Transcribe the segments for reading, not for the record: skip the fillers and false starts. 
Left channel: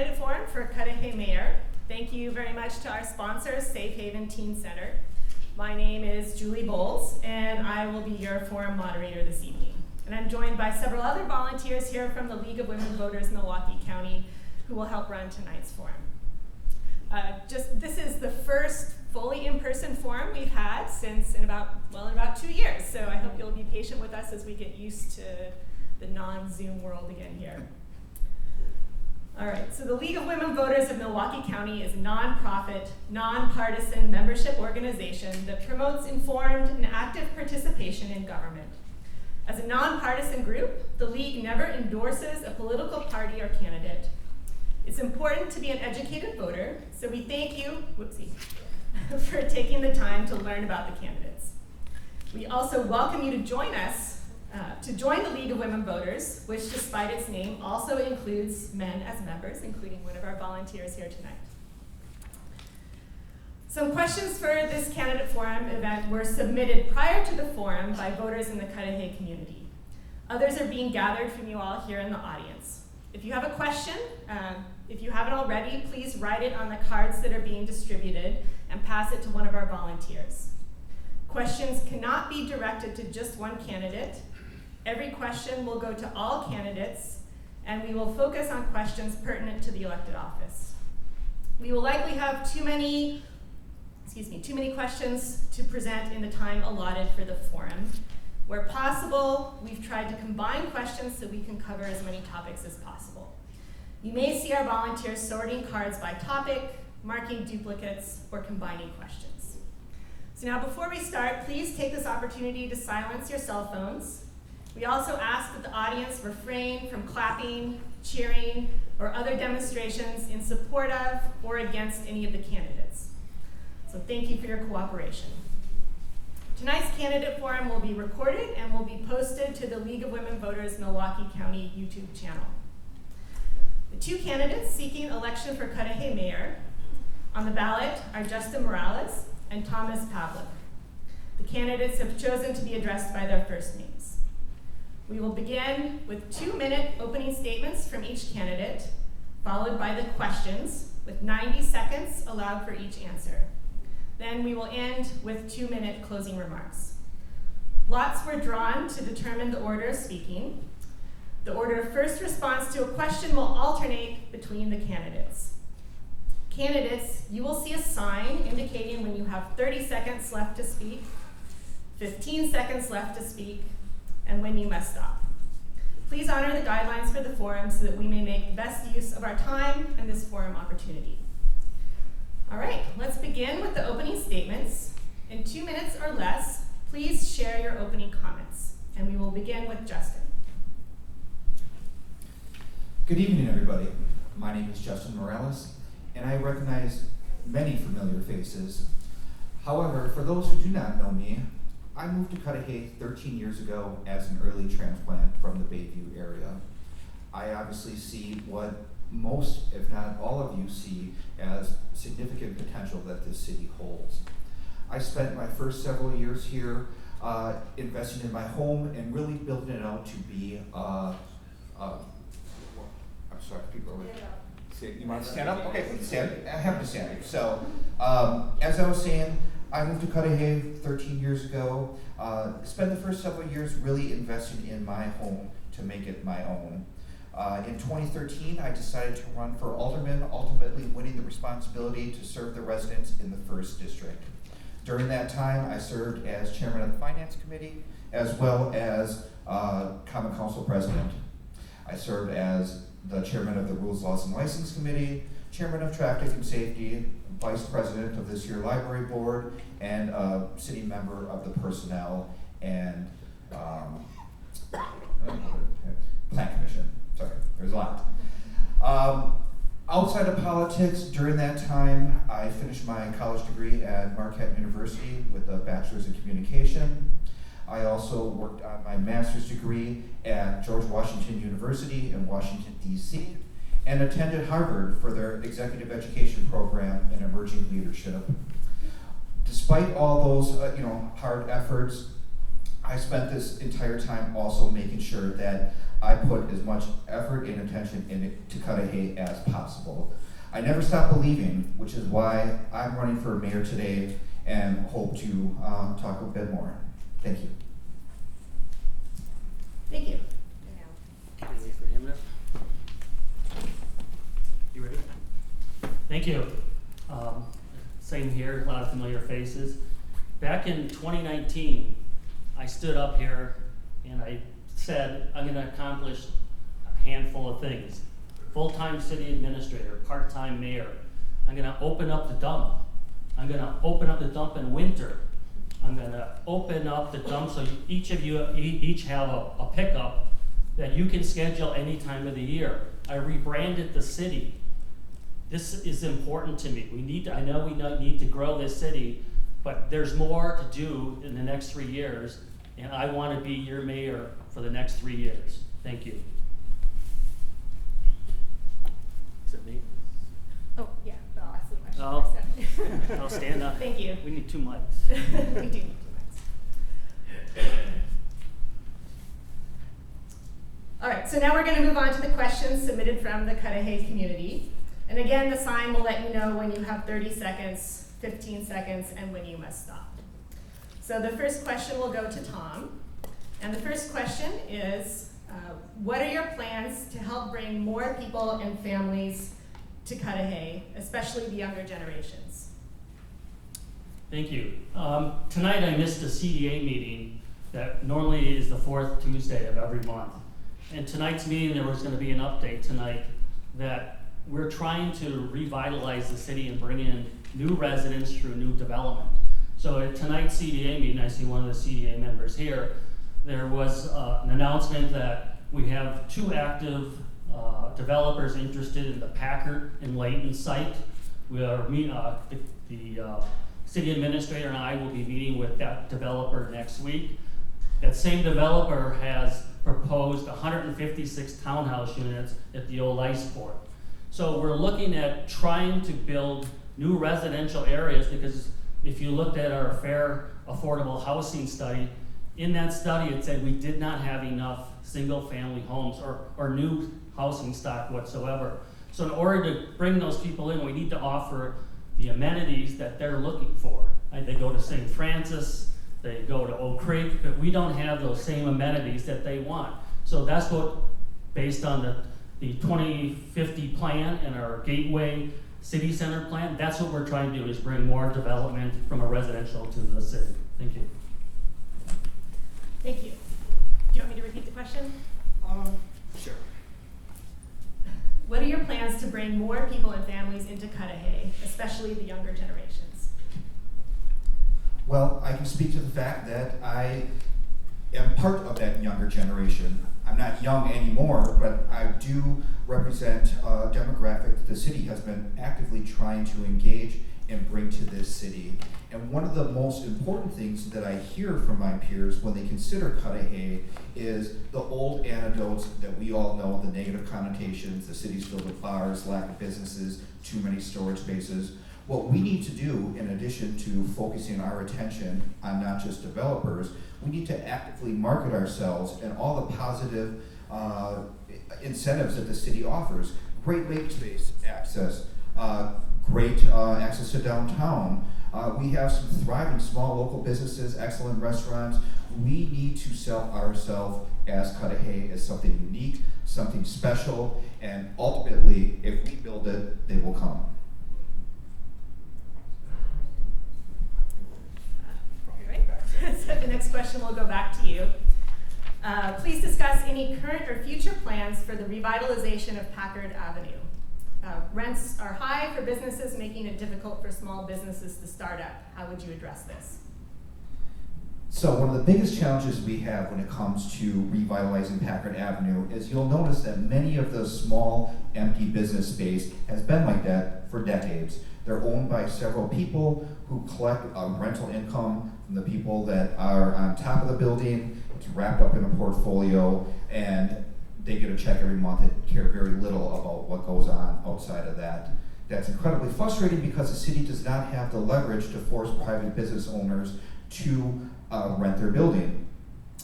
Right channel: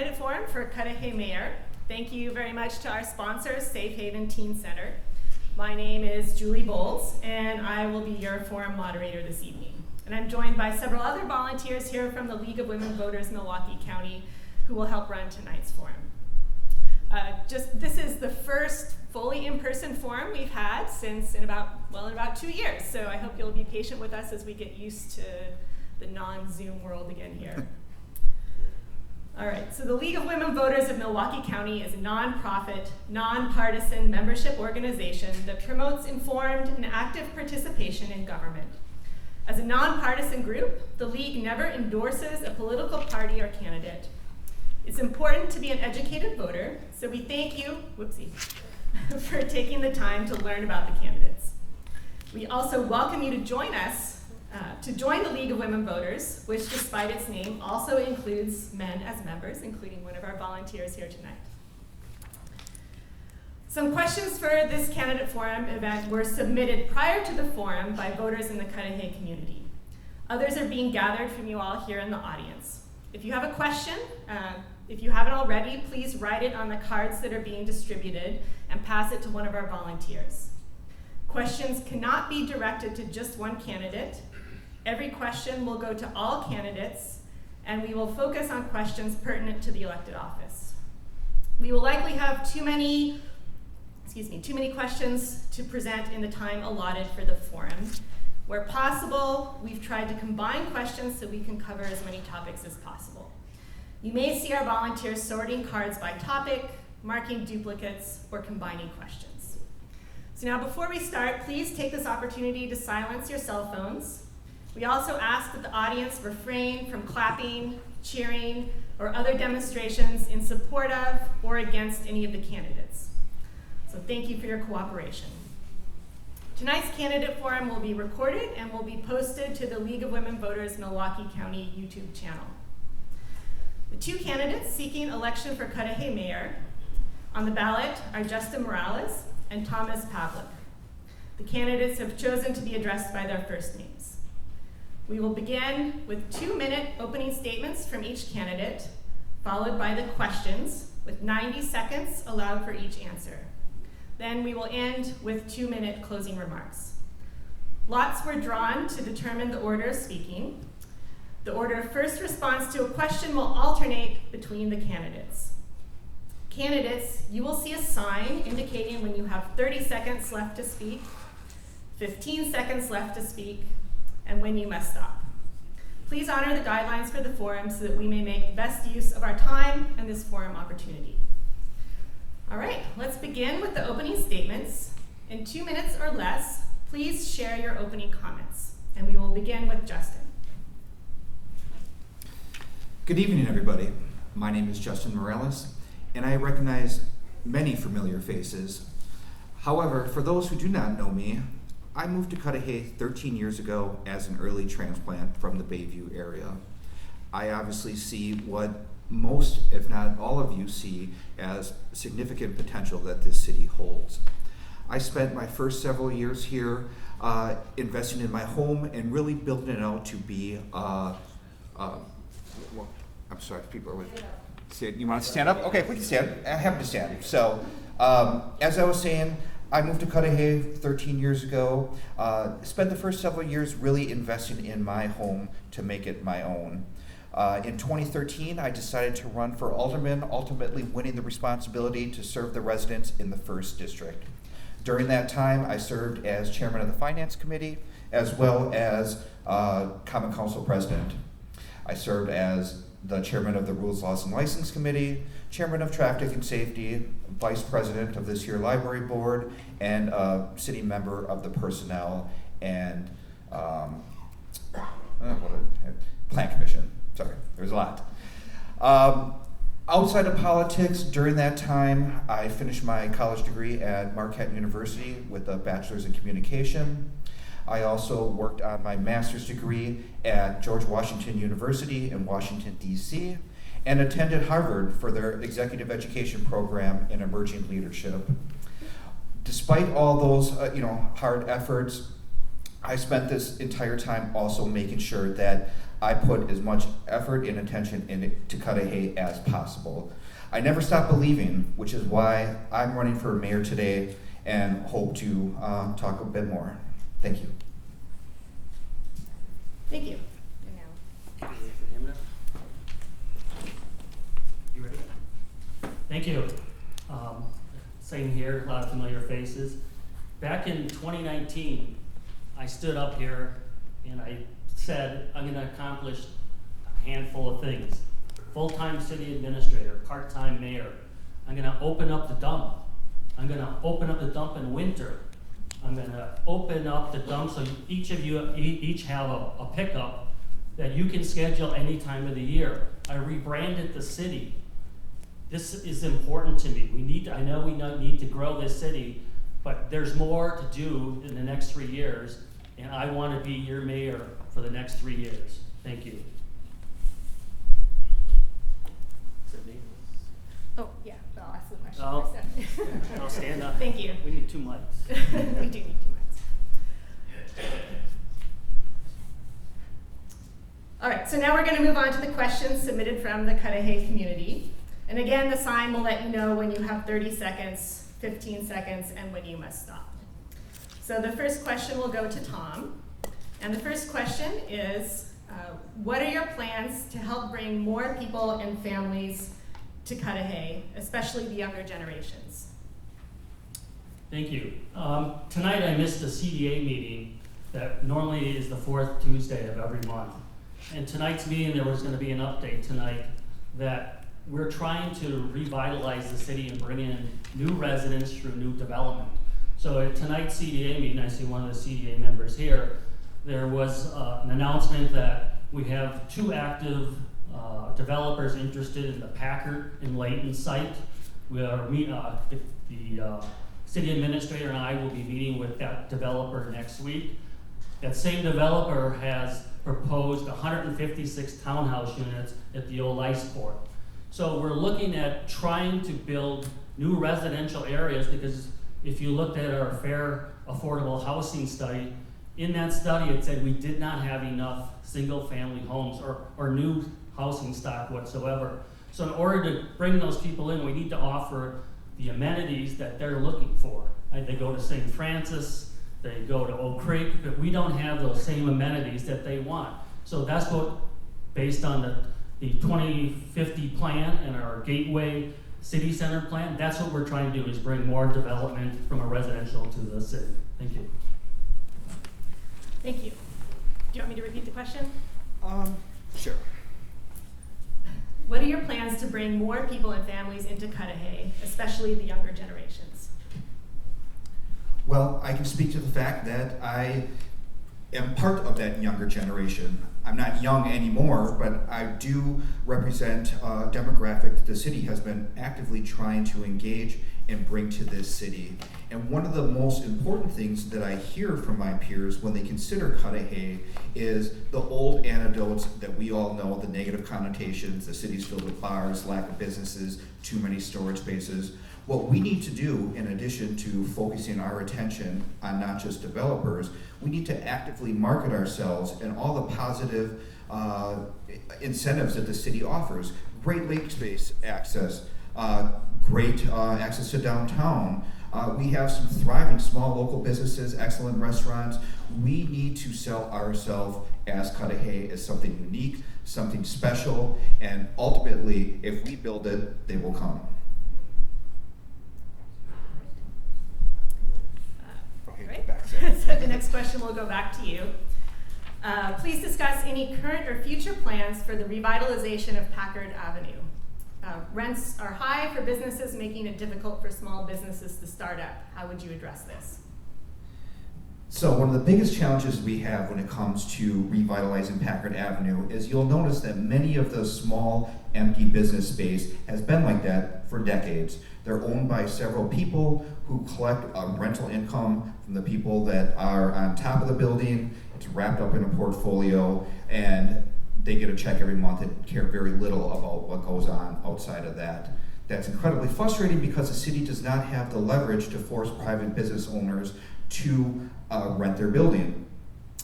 Candidate Forum for Cudahy Mayor. Thank you very much to our sponsor, Safe Haven Teen Center. My name is Julie Bowles, and I will be your forum moderator this evening. And I'm joined by several other volunteers here from the League of Women Voters Milwaukee County who will help run tonight's forum. This is the first fully in-person forum we've had since in about 2 years. So I hope you'll be patient with us as we get used to the non-Zoom world again here. All right, so the League of Women Voters of Milwaukee County is a nonprofit, nonpartisan membership organization that promotes informed and active participation in government. As a nonpartisan group, the League never endorses a political party or candidate. It's important to be an educated voter, so we thank you, for taking the time to learn about the candidates. We also welcome you to join us to join the League of Women Voters, which despite its name also includes men as members, including one of our volunteers here tonight. Some questions for this candidate forum event were submitted prior to the forum by voters in the Cudahy community. Others are being gathered from you all here in the audience. If you have a question, if you haven't already, please write it on the cards that are being distributed and pass it to one of our volunteers. Questions cannot be directed to just one candidate. Every question will go to all candidates, and we will focus on questions pertinent to the elected office. We will likely have too many questions to present in the time allotted for the forum. Where possible, we've tried to combine questions so we can cover as many topics as possible. You may see our volunteers sorting cards by topic, marking duplicates, or combining questions. So now before we start, please take this opportunity to silence your cell phones. We also ask that the audience refrain from clapping, cheering, or other demonstrations in support of or against any of the candidates. So thank you for your cooperation. Tonight's candidate forum will be recorded and will be posted to the League of Women Voters Milwaukee County YouTube channel. The two candidates seeking election for Cudahy Mayor on the ballot are Justin Moralez and Thomas Pavlic. The candidates have chosen to be addressed by their first names. We will begin with 2-minute opening statements from each candidate, followed by the questions with 90 seconds allowed for each answer. Then we will end with 2-minute closing remarks. Lots were drawn to determine the order of speaking. The order of first response to a question will alternate between the candidates. Candidates, you will see a sign indicating when you have 30 seconds left to speak, 15 seconds left to speak, and when you must stop. Please honor the guidelines for the forum so that we may make the best use of our time and this forum opportunity. All right, let's begin with the opening statements. In 2 minutes or less, please share your opening comments. And we will begin with Justin. Good evening, everybody. My name is Justin Moralez, and I recognize many familiar faces. However, for those who do not know me, I moved to Cudahy 13 years ago as an early transplant from the Bayview area. I obviously see what most, if not all of you, see as significant potential that this city holds. I spent my first several years here investing in my home and really building it out to be I'm sorry, people are with. You want to stand up? Okay, we can stand. I have to stand. So, as I was saying, I moved to Cudahy 13 years ago. Spent the first several years really investing in my home to make it my own. In 2013, I decided to run for Alderman, ultimately winning the responsibility to serve the residents in the 1st District. During that time, I served as chairman of the Finance Committee, as well as Common Council President. I served as the chairman of the Rules, Laws, and License Committee, chairman of Traffic and Safety, vice president of this year Library Board, and a sitting member of the Personnel and Plan Commission. Sorry, there's a lot. Outside of politics, during that time, I finished my college degree at Marquette University with a bachelor's in communication. I also worked on my master's degree at George Washington University in Washington, D.C., and attended Harvard for their executive education program in emerging leadership. Despite all those hard efforts, I spent this entire time also making sure that I put as much effort and attention into Cudahy as possible. I never stop believing, which is why I'm running for mayor today and hope to talk a bit more. Thank you. Thank you. You ready? Thank you. Same here, a lot of familiar faces. Back in 2019, I stood up here and I said, I'm gonna accomplish a handful of things. Full-time city administrator, part-time mayor. I'm gonna open up the dump. I'm gonna open up the dump in winter. I'm gonna open up the dump so each of you each have a pickup that you can schedule any time of the year. I rebranded the city. This is important to me. I know we need to grow this city, but there's more to do in the next 3 years, and I want to be your mayor for the next 3 years. Thank you. Is it me? Oh, yeah, I'll ask the question Oh. first. I'll stand up. Thank you. We need 2 mics. We do need 2 mics. All right, so now we're going to move on to the questions submitted from the Cudahy community. And again, the sign will let you know when you have 30 seconds, 15 seconds, and when you must stop. So the first question will go to Tom. And the first question is, what are your plans to help bring more people and families to Cudahy, especially the younger generations? Thank you. Tonight I missed a CDA meeting that normally is the 4th Tuesday of every month. And tonight's meeting, there was going to be an update tonight that we're trying to revitalize the city and bring in new residents through new development. So at tonight's CDA meeting, I see one of the CDA members here, there was an announcement that we have 2 active developers interested in the Packard and Layton site. We are the city administrator and I will be meeting with that developer next week. That same developer has proposed 156 townhouse units at the old ice port. So we're looking at trying to build new residential areas, because if you looked at our fair affordable housing study, in that study it said we did not have enough single family homes or new housing stock whatsoever. So in order to bring those people in, we need to offer the amenities that they're looking for. They go to St. Francis, they go to Oak Creek, but we don't have those same amenities that they want. So that's what, based on the 2050 plan and our Gateway City Center plan, that's what we're trying to do, is bring more development from a residential to the city. Thank you. Thank you. Do you want me to repeat the question? Sure. What are your plans to bring more people and families into Cudahy, especially the younger generations? Well, I can speak to the fact that I am part of that younger generation. I'm not young anymore, but I do represent a demographic that the city has been actively trying to engage and bring to this city. And one of the most important things that I hear from my peers when they consider Cudahy is the old anecdotes that we all know, the negative connotations, the city's filled with bars, lack of businesses, too many storage spaces. What we need to do, in addition to focusing our attention on not just developers, we need to actively market ourselves and all the positive incentives that the city offers. Great lake space access, great access to downtown. We have some thriving small local businesses, excellent restaurants. We need to sell ourselves as Cudahy as something unique, something special, and ultimately, if we build it, they will come. So the next question will go back to you. Please discuss any current or future plans for the revitalization of Packard Avenue. Rents are high for businesses, making it difficult for small businesses to start up. How would you address this? So one of the biggest challenges we have when it comes to revitalizing Packard Avenue is you'll notice that many of the small empty business space has been like that for decades. They're owned by several people who collect rental income from the people that are on top of the building. It's wrapped up in a portfolio, and they get a check every month and care very little about what goes on outside of that. That's incredibly frustrating because the city does not have the leverage to force private business owners to rent their building.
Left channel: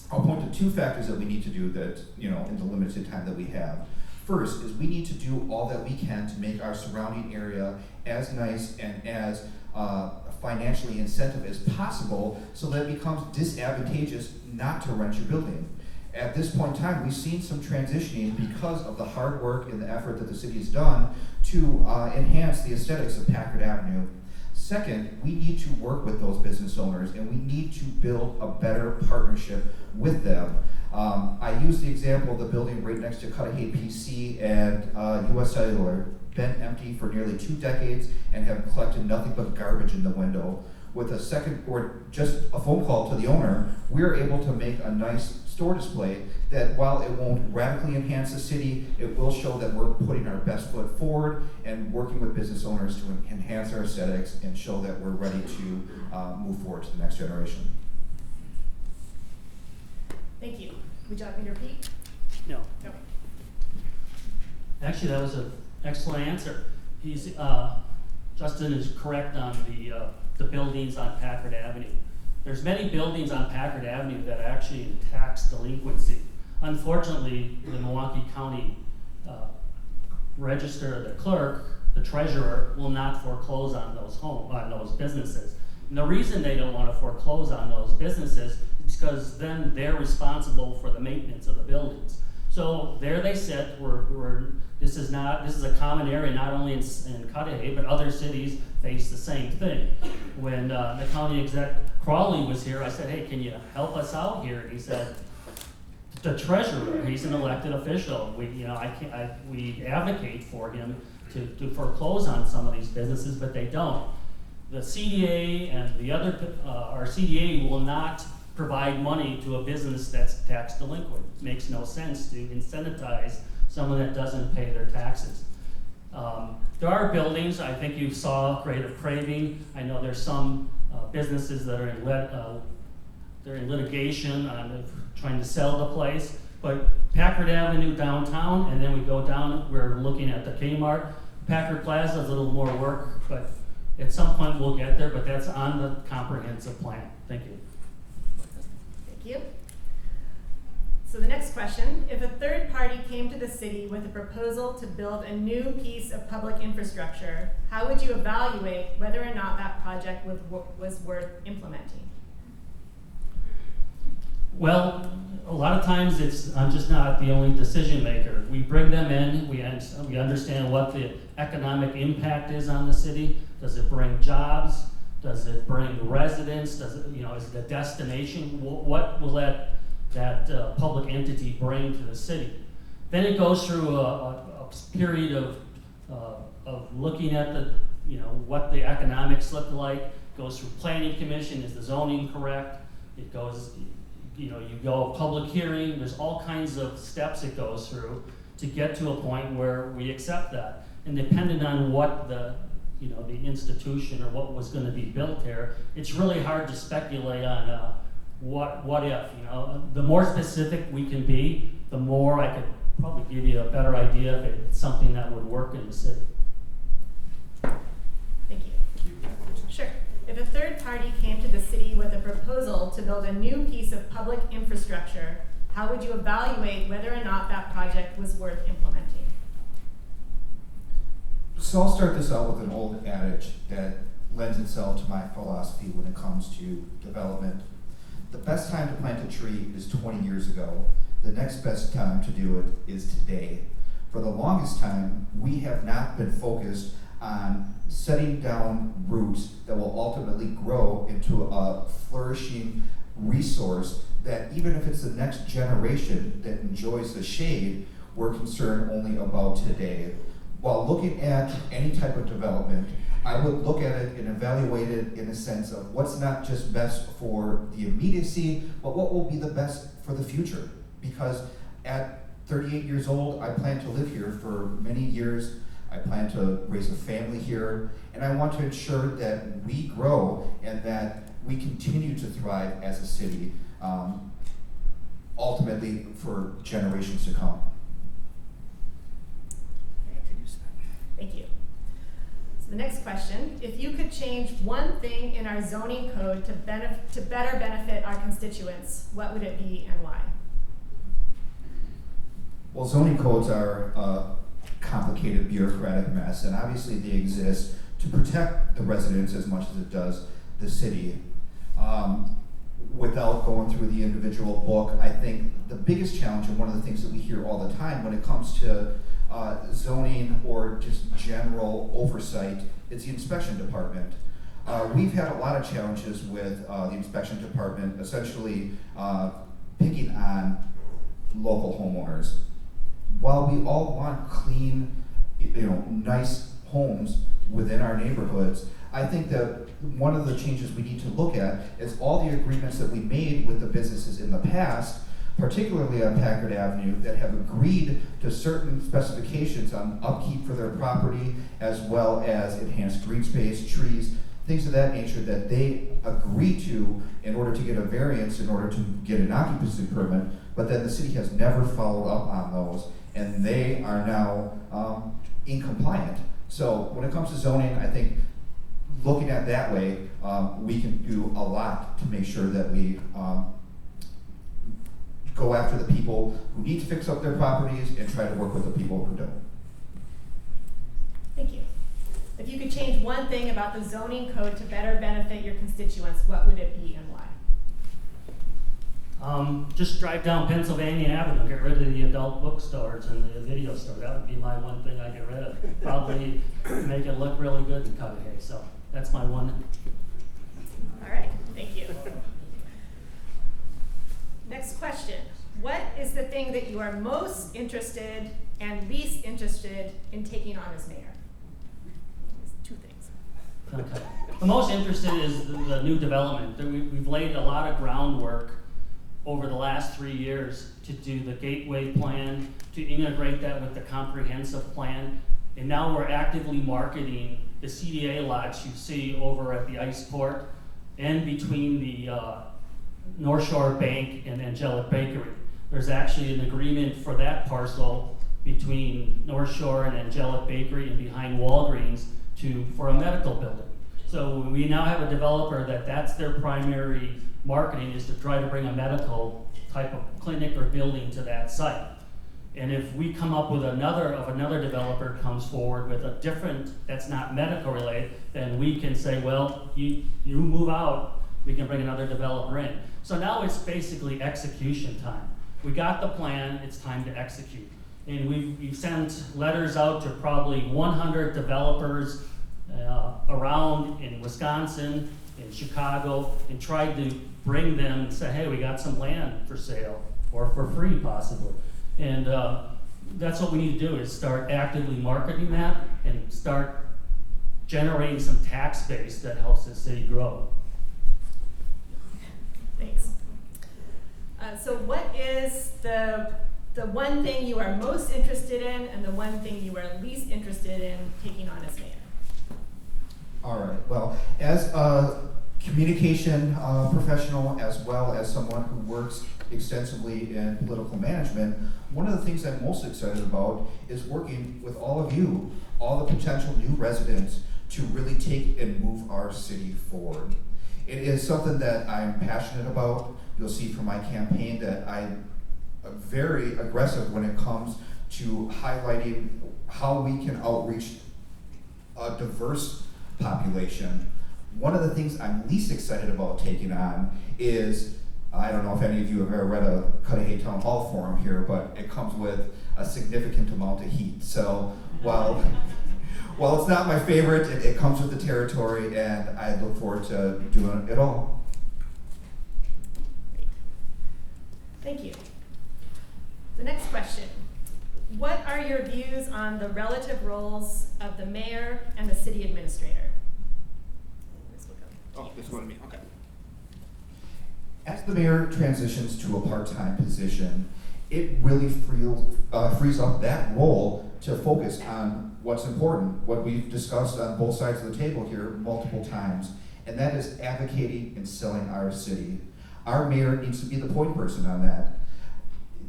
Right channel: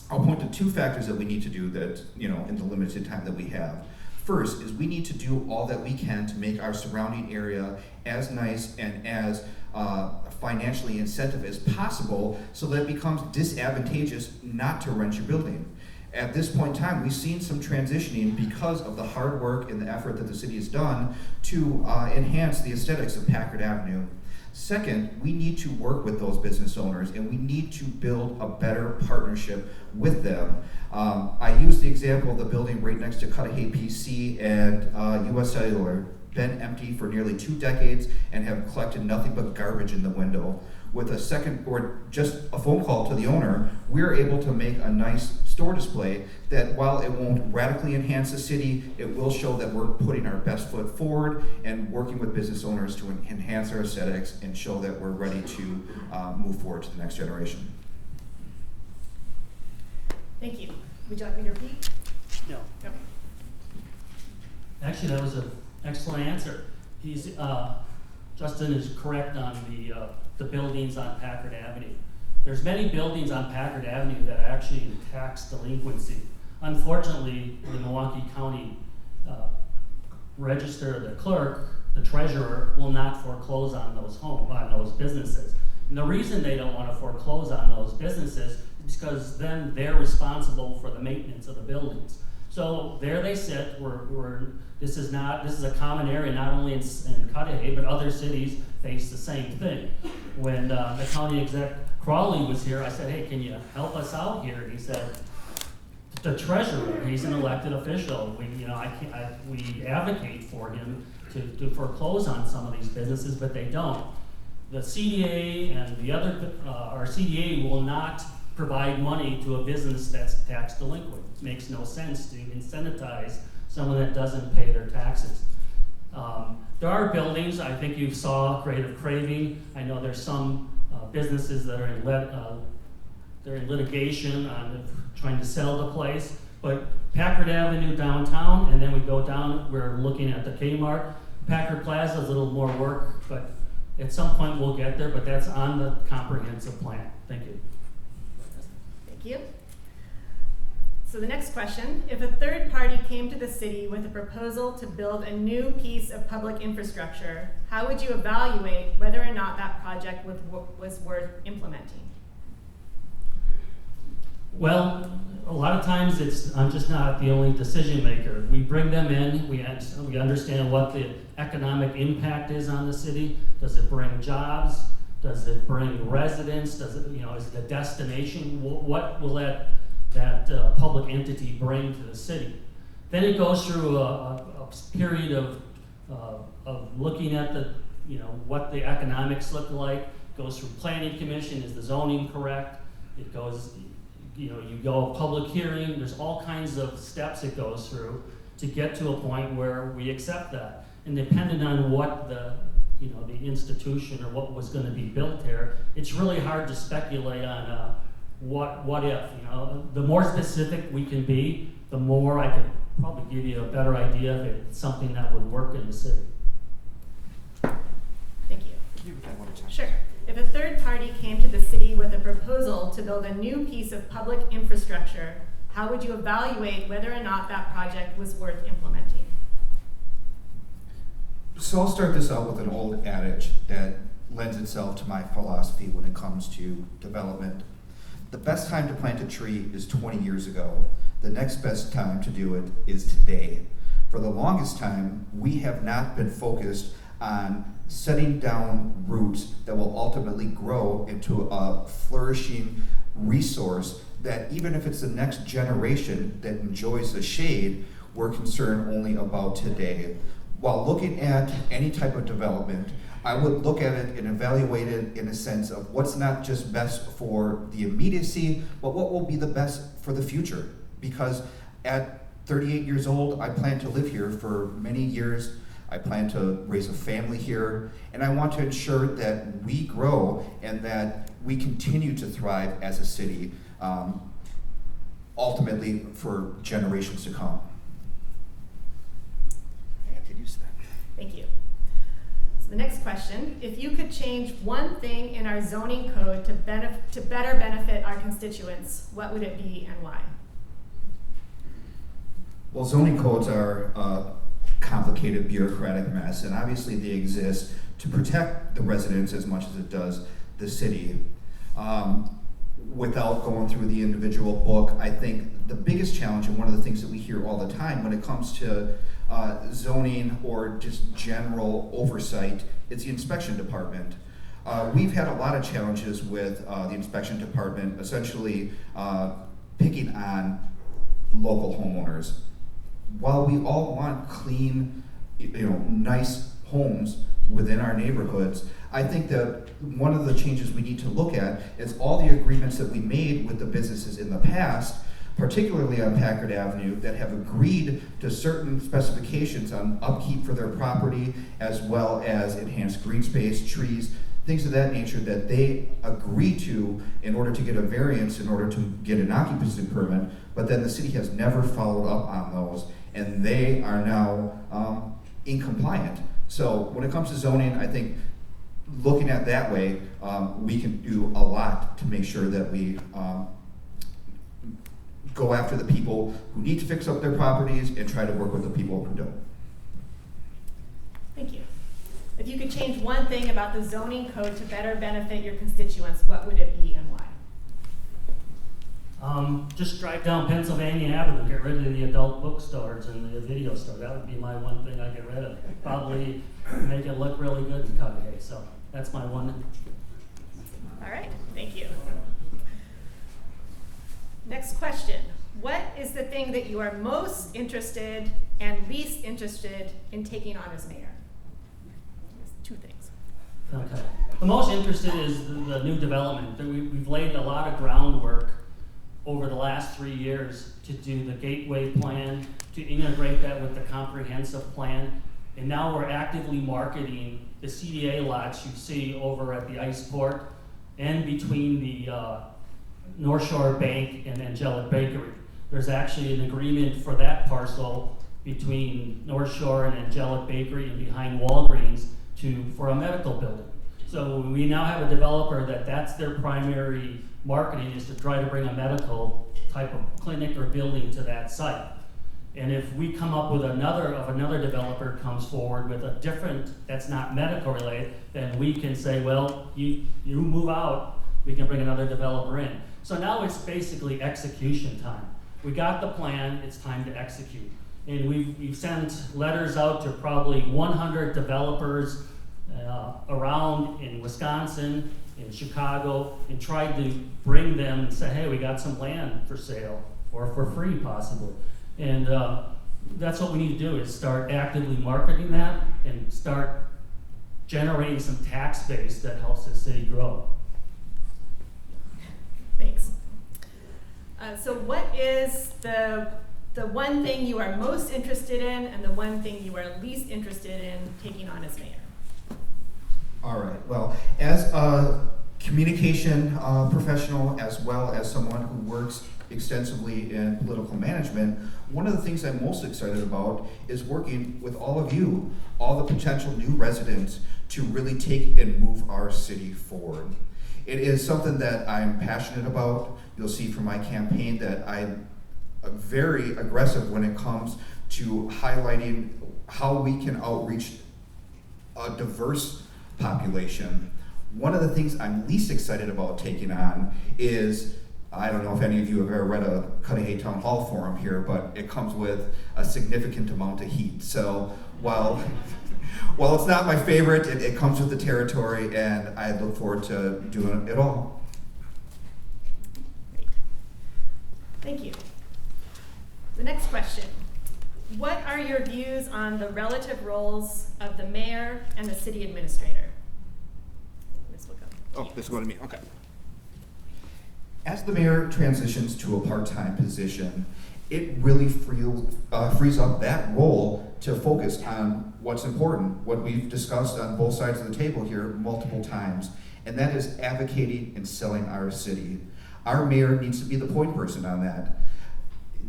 I'll point to two factors that we need to do that, in the limited time that we have. First is we need to do all that we can to make our surrounding area as nice and as financially incentive as possible so that it becomes disadvantageous not to rent your building. At this point in time, we've seen some transitioning because of the hard work and the effort that the city has done to enhance the aesthetics of Packard Avenue. Second, we need to work with those business owners and we need to build a better partnership with them. I use the example of the building right next to Cudahy PC and US Cellular, been empty for nearly 2 decades and have collected nothing but garbage in the window. With a second or just a phone call to the owner, we're able to make a nice store display that while it won't radically enhance the city, it will show that we're putting our best foot forward and working with business owners to enhance our aesthetics and show that we're ready to move forward to the next generation. Thank you. Would you like me to repeat? No. Okay. Actually, that was an excellent answer. Justin is correct on the buildings on Packard Avenue. There's many buildings on Packard Avenue that are actually in tax delinquency. Unfortunately, the Milwaukee County Register, the clerk, the treasurer, will not foreclose on those businesses. And the reason they don't want to foreclose on those businesses is because then they're responsible for the maintenance of the buildings. So there they sit. This is a common area not only in Cudahy, but other cities face the same thing. When the county exec Crawley was here, I said, "Hey, can you help us out here?" And he said, "The treasurer, he's an elected official. We advocate for him to foreclose on some of these businesses, but they don't. The CDA and the other, our CDA will not provide money to a business that's tax delinquent. It makes no sense to incentivize someone that doesn't pay their taxes." There are buildings, I think you saw Creative Craving. I know there's some businesses that are in litigation on trying to sell the place. But Packard Avenue downtown, and then we go down, we're looking at the Kmart. Packard Plaza is a little more work, but at some point we'll get there, but that's on the comprehensive plan. Thank you. Thank you. So the next question, if a third party came to the city with a proposal to build a new piece of public infrastructure, how would you evaluate whether or not that project was worth implementing? Well, a lot of times I'm just not the only decision maker. We bring them in, we understand what the economic impact is on the city. Does it bring jobs? Does it bring residents? Is it a destination? What will that public entity bring to the city? Then it goes through a period of looking at what the economics look like. It goes through planning commission. Is the zoning correct? It goes, you go public hearing. There's all kinds of steps it goes through to get to a point where we accept that. And depending on what the institution or what was going to be built there, it's really hard to speculate on what if. The more specific we can be, the more I could probably give you a better idea if it's something that would work in the city. Thank you. Sure. If a third party came to the city with a proposal to build a new piece of public infrastructure, how would you evaluate whether or not that project was worth implementing? So I'll start this out with an old adage that lends itself to my philosophy when it comes to development. The best time to plant a tree is 20 years ago. The next best time to do it is today. For the longest time, we have not been focused on setting down roots that will ultimately grow into a flourishing resource that even if it's the next generation that enjoys the shade, we're concerned only about today. While looking at any type of development, I would look at it and evaluate it in a sense of what's not just best for the immediacy, but what will be the best for the future. Because at 38 years old, I plan to live here for many years. I plan to raise a family here, and I want to ensure that we grow and that we continue to thrive as a city, ultimately for generations to come. Thank you. So the next question, if you could change one thing in our zoning code to better benefit our constituents, what would it be and why? Well, zoning codes are a complicated bureaucratic mess, and obviously they exist to protect the residents as much as it does the city. Without going through the individual book, I think the biggest challenge, and one of the things that we hear all the time when it comes to zoning or just general oversight, is the inspection department. We've had a lot of challenges with the inspection department, essentially picking on local homeowners. While we all want clean, nice homes within our neighborhoods, I think that one of the changes we need to look at is all the agreements that we made with the businesses in the past, particularly on Packard Avenue, that have agreed to certain specifications on upkeep for their property, as well as enhanced green space, trees, things of that nature that they agree to in order to get a variance, in order to get an occupancy permit, but then the city has never followed up on those, and they are now incompliant. So when it comes to zoning, I think looking at that way, we can do a lot to make sure that we go after the people who need to fix up their properties and try to work with the people who don't. Thank you. If you could change one thing about the zoning code to better benefit your constituents, what would it be and why? Just drive down Pennsylvania Avenue, get rid of the adult bookstores and the video store. That would be my one thing I get rid of. Probably make it look really good in Cudahy. So that's my one. All right, thank you. Next question. What is the thing that you are most interested and least interested in taking on as mayor? Two things. Okay. The most interested is the new development. We've laid a lot of groundwork over the last 3 years to do the gateway plan, to integrate that with the comprehensive plan. And now we're actively marketing the CDA lots you see over at the Ice Port and between the North Shore Bank and Angelic Bakery. There's actually an agreement for that parcel between North Shore and Angelic Bakery and behind Walgreens for a medical building. So we now have a developer that's their primary marketing, is to try to bring a medical type of clinic or building to that site. And if we come up with another developer comes forward with a different, that's not medical related, then we can say, well, you move out, we can bring another developer in. So now it's basically execution time. We got the plan, it's time to execute. And we've sent letters out to probably 100 developers around in Wisconsin, in Chicago, and tried to bring them and say, hey, we got some land for sale, or for free possibly. And that's what we need to do, is start actively marketing that and start generating some tax base that helps the city grow. Thanks. So what is the one thing you are most interested in and the one thing you are least interested in taking on as mayor? All right, well, as a communication professional, as well as someone who works extensively in political management, one of the things I'm most excited about is working with all of you, all the potential new residents, to really take and move our city forward. It is something that I'm passionate about. You'll see from my campaign that I'm very aggressive when it comes to highlighting how we can outreach a diverse population. One of the things I'm least excited about taking on is, I don't know if any of you have ever read a Cudahy Town Hall forum here, but it comes with a significant amount of heat. So while it's not my favorite, it comes with the territory, and I look forward to doing it all. Great. Thank you. The next question. What are your views on the relative roles of the mayor and the city administrator? Oh, this is going to me, okay. As the mayor transitions to a part-time position, it really frees up that role to focus on what's important, what we've discussed on both sides of the table here multiple times, and that is advocating and selling our city. Our mayor needs to be the point person on that.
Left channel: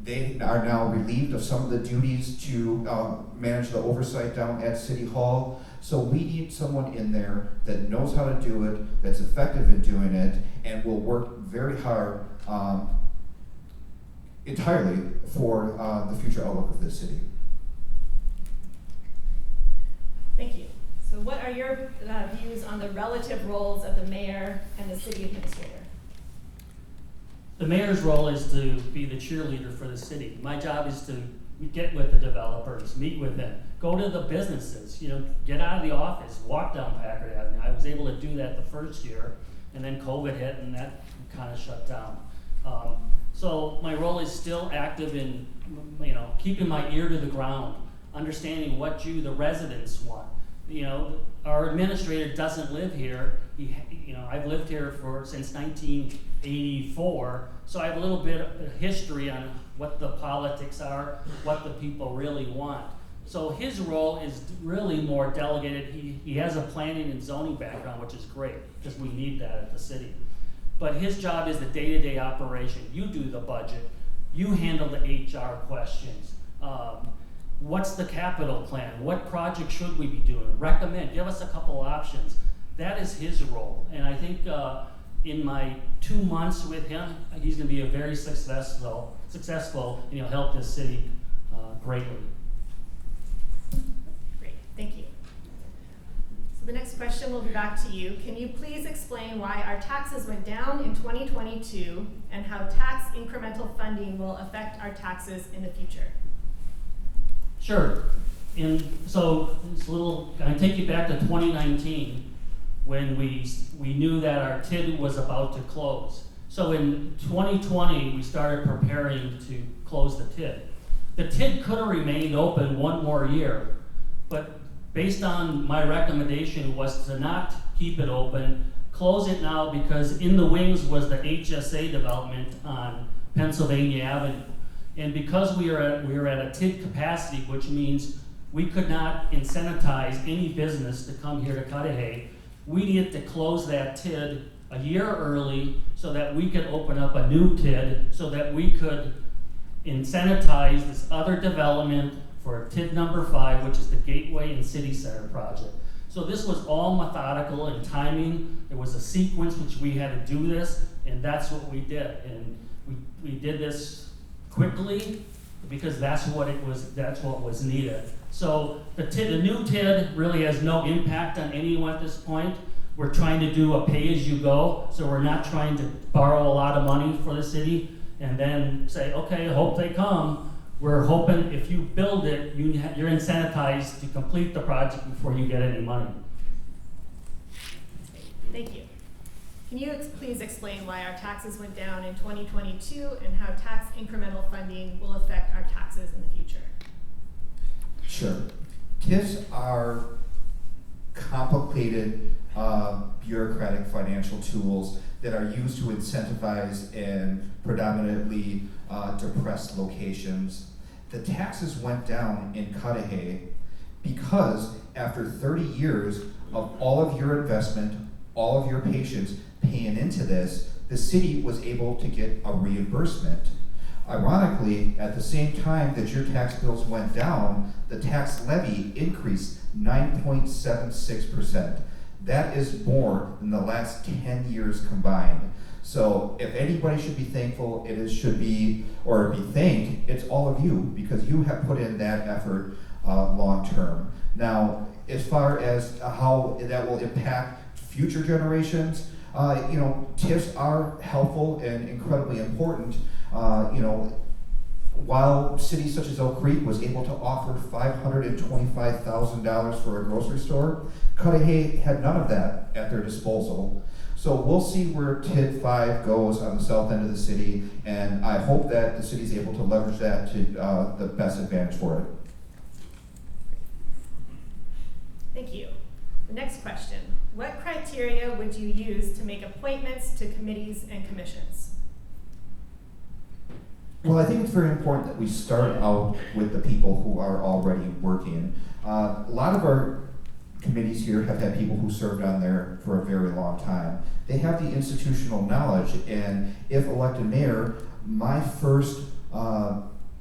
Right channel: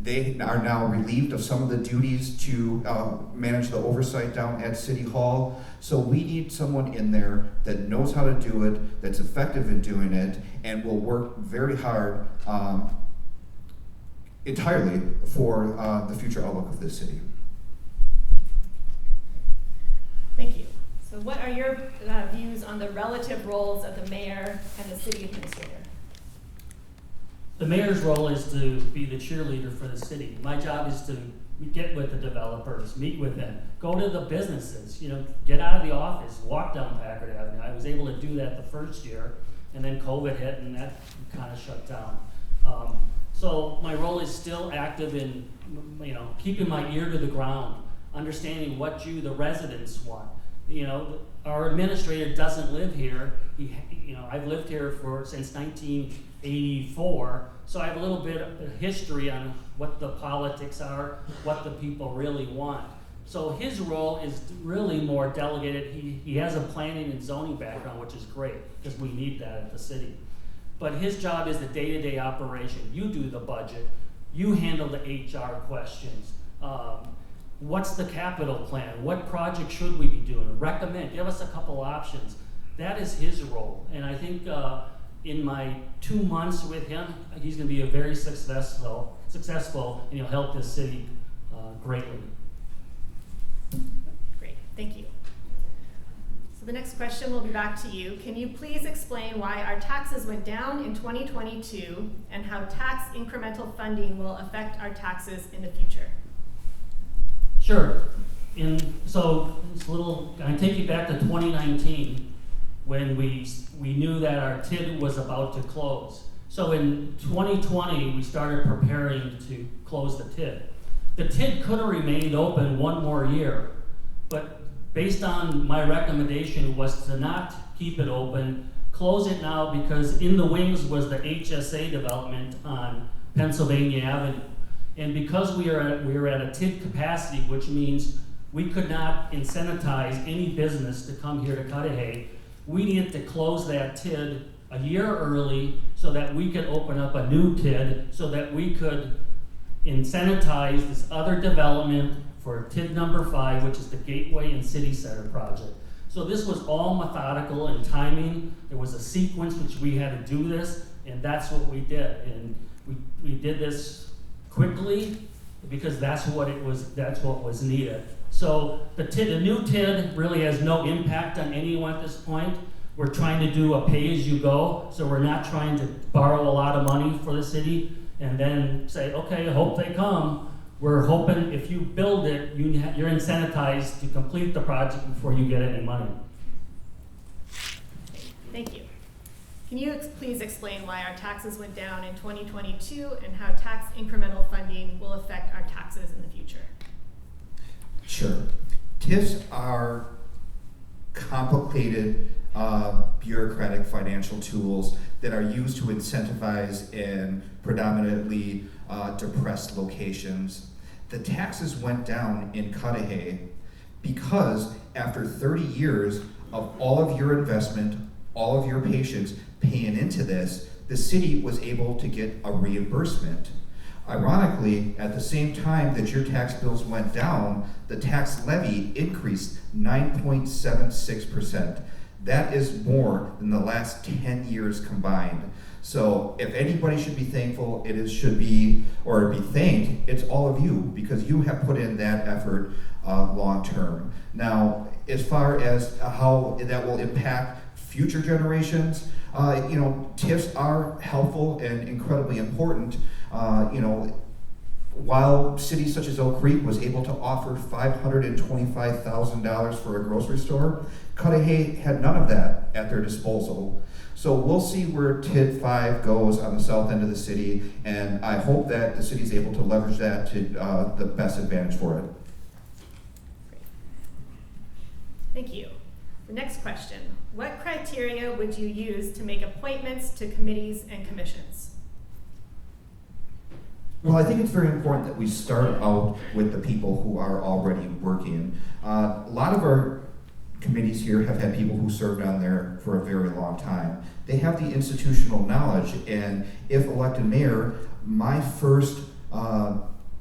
they are now relieved of some of the duties to manage the oversight down at City Hall. So we need someone in there that knows how to do it, that's effective in doing it, and will work very hard entirely for the future outlook of this city. Thank you. So what are your views on the relative roles of the mayor and the city administrator? The mayor's role is to be the cheerleader for the city. My job is to get with the developers, meet with them, go to the businesses, get out of the office, walk down Packard Avenue. I was able to do that the first year, and then COVID hit and that kind of shut down. So my role is still active in, keeping my ear to the ground, understanding what the residents want. Our administrator doesn't live here. I've lived here since 1984, so I have a little bit of history on what the politics are, what the people really want. So his role is really more delegated. He has a planning and zoning background, which is great, because we need that at the city. But his job is the day-to-day operation. You do the budget. You handle the HR questions. What's the capital plan? What project should we be doing? Recommend, give us a couple options. That is his role. And I think in my 2 months with him, he's gonna be a very successful, and he'll help this city greatly. Great, thank you. So the next question will be back to you. Can you please explain why our taxes went down in 2022 and how tax incremental funding will affect our taxes in the future? Sure. So I take you back to 2019 when we knew that our TID was about to close. So in 2020, we started preparing to close the TID. The TID could have remained open one more year, but based on my recommendation was to not keep it open, close it now, because in the wings was the HSA development on Pennsylvania Avenue. And because we were at a TID capacity, which means we could not incentivize any business to come here to Cudahy, we needed to close that TID a year early so that we could open up a new TID, so that we could incentivize this other development for TID number 5, which is the Gateway and City Center project. So this was all methodical and timing. There was a sequence which we had to do this, and that's what we did. And we did this quickly because that's what was needed. So the new TID really has no impact on anyone at this point. We're trying to do a pay-as-you-go, so we're not trying to borrow a lot of money for the city and then say, okay, I hope they come. We're hoping if you build it, you're incentivized to complete the project before you get any money. Thank you. Can you please explain why our taxes went down in 2022 and how tax incremental funding will affect our taxes in the future? Sure. TIFs are complicated bureaucratic financial tools that are used to incentivize in predominantly depressed locations. The taxes went down in Cudahy because after 30 years of all of your investment, all of your patients paying into this, the city was able to get a reimbursement. Ironically, at the same time that your tax bills went down, the tax levy increased 9.76%. That is more than the last 10 years combined. So if anybody should be thankful, should be thanked, it's all of you, because you have put in that effort long term. Now, as far as how that will impact future generations, TIFs are helpful and incredibly important. While cities such as Oak Creek was able to offer $525,000 for a grocery store, Cudahy had none of that at their disposal. So we'll see where TID 5 goes on the south end of the city, and I hope that the city is able to leverage that to the best advantage for it. Thank you. The next question. What criteria would you use to make appointments to committees and commissions? Well, I think it's very important that we start out with the people who are already working. A lot of our committees here have had people who served on there for a very long time. They have the institutional knowledge, and if elected mayor, my first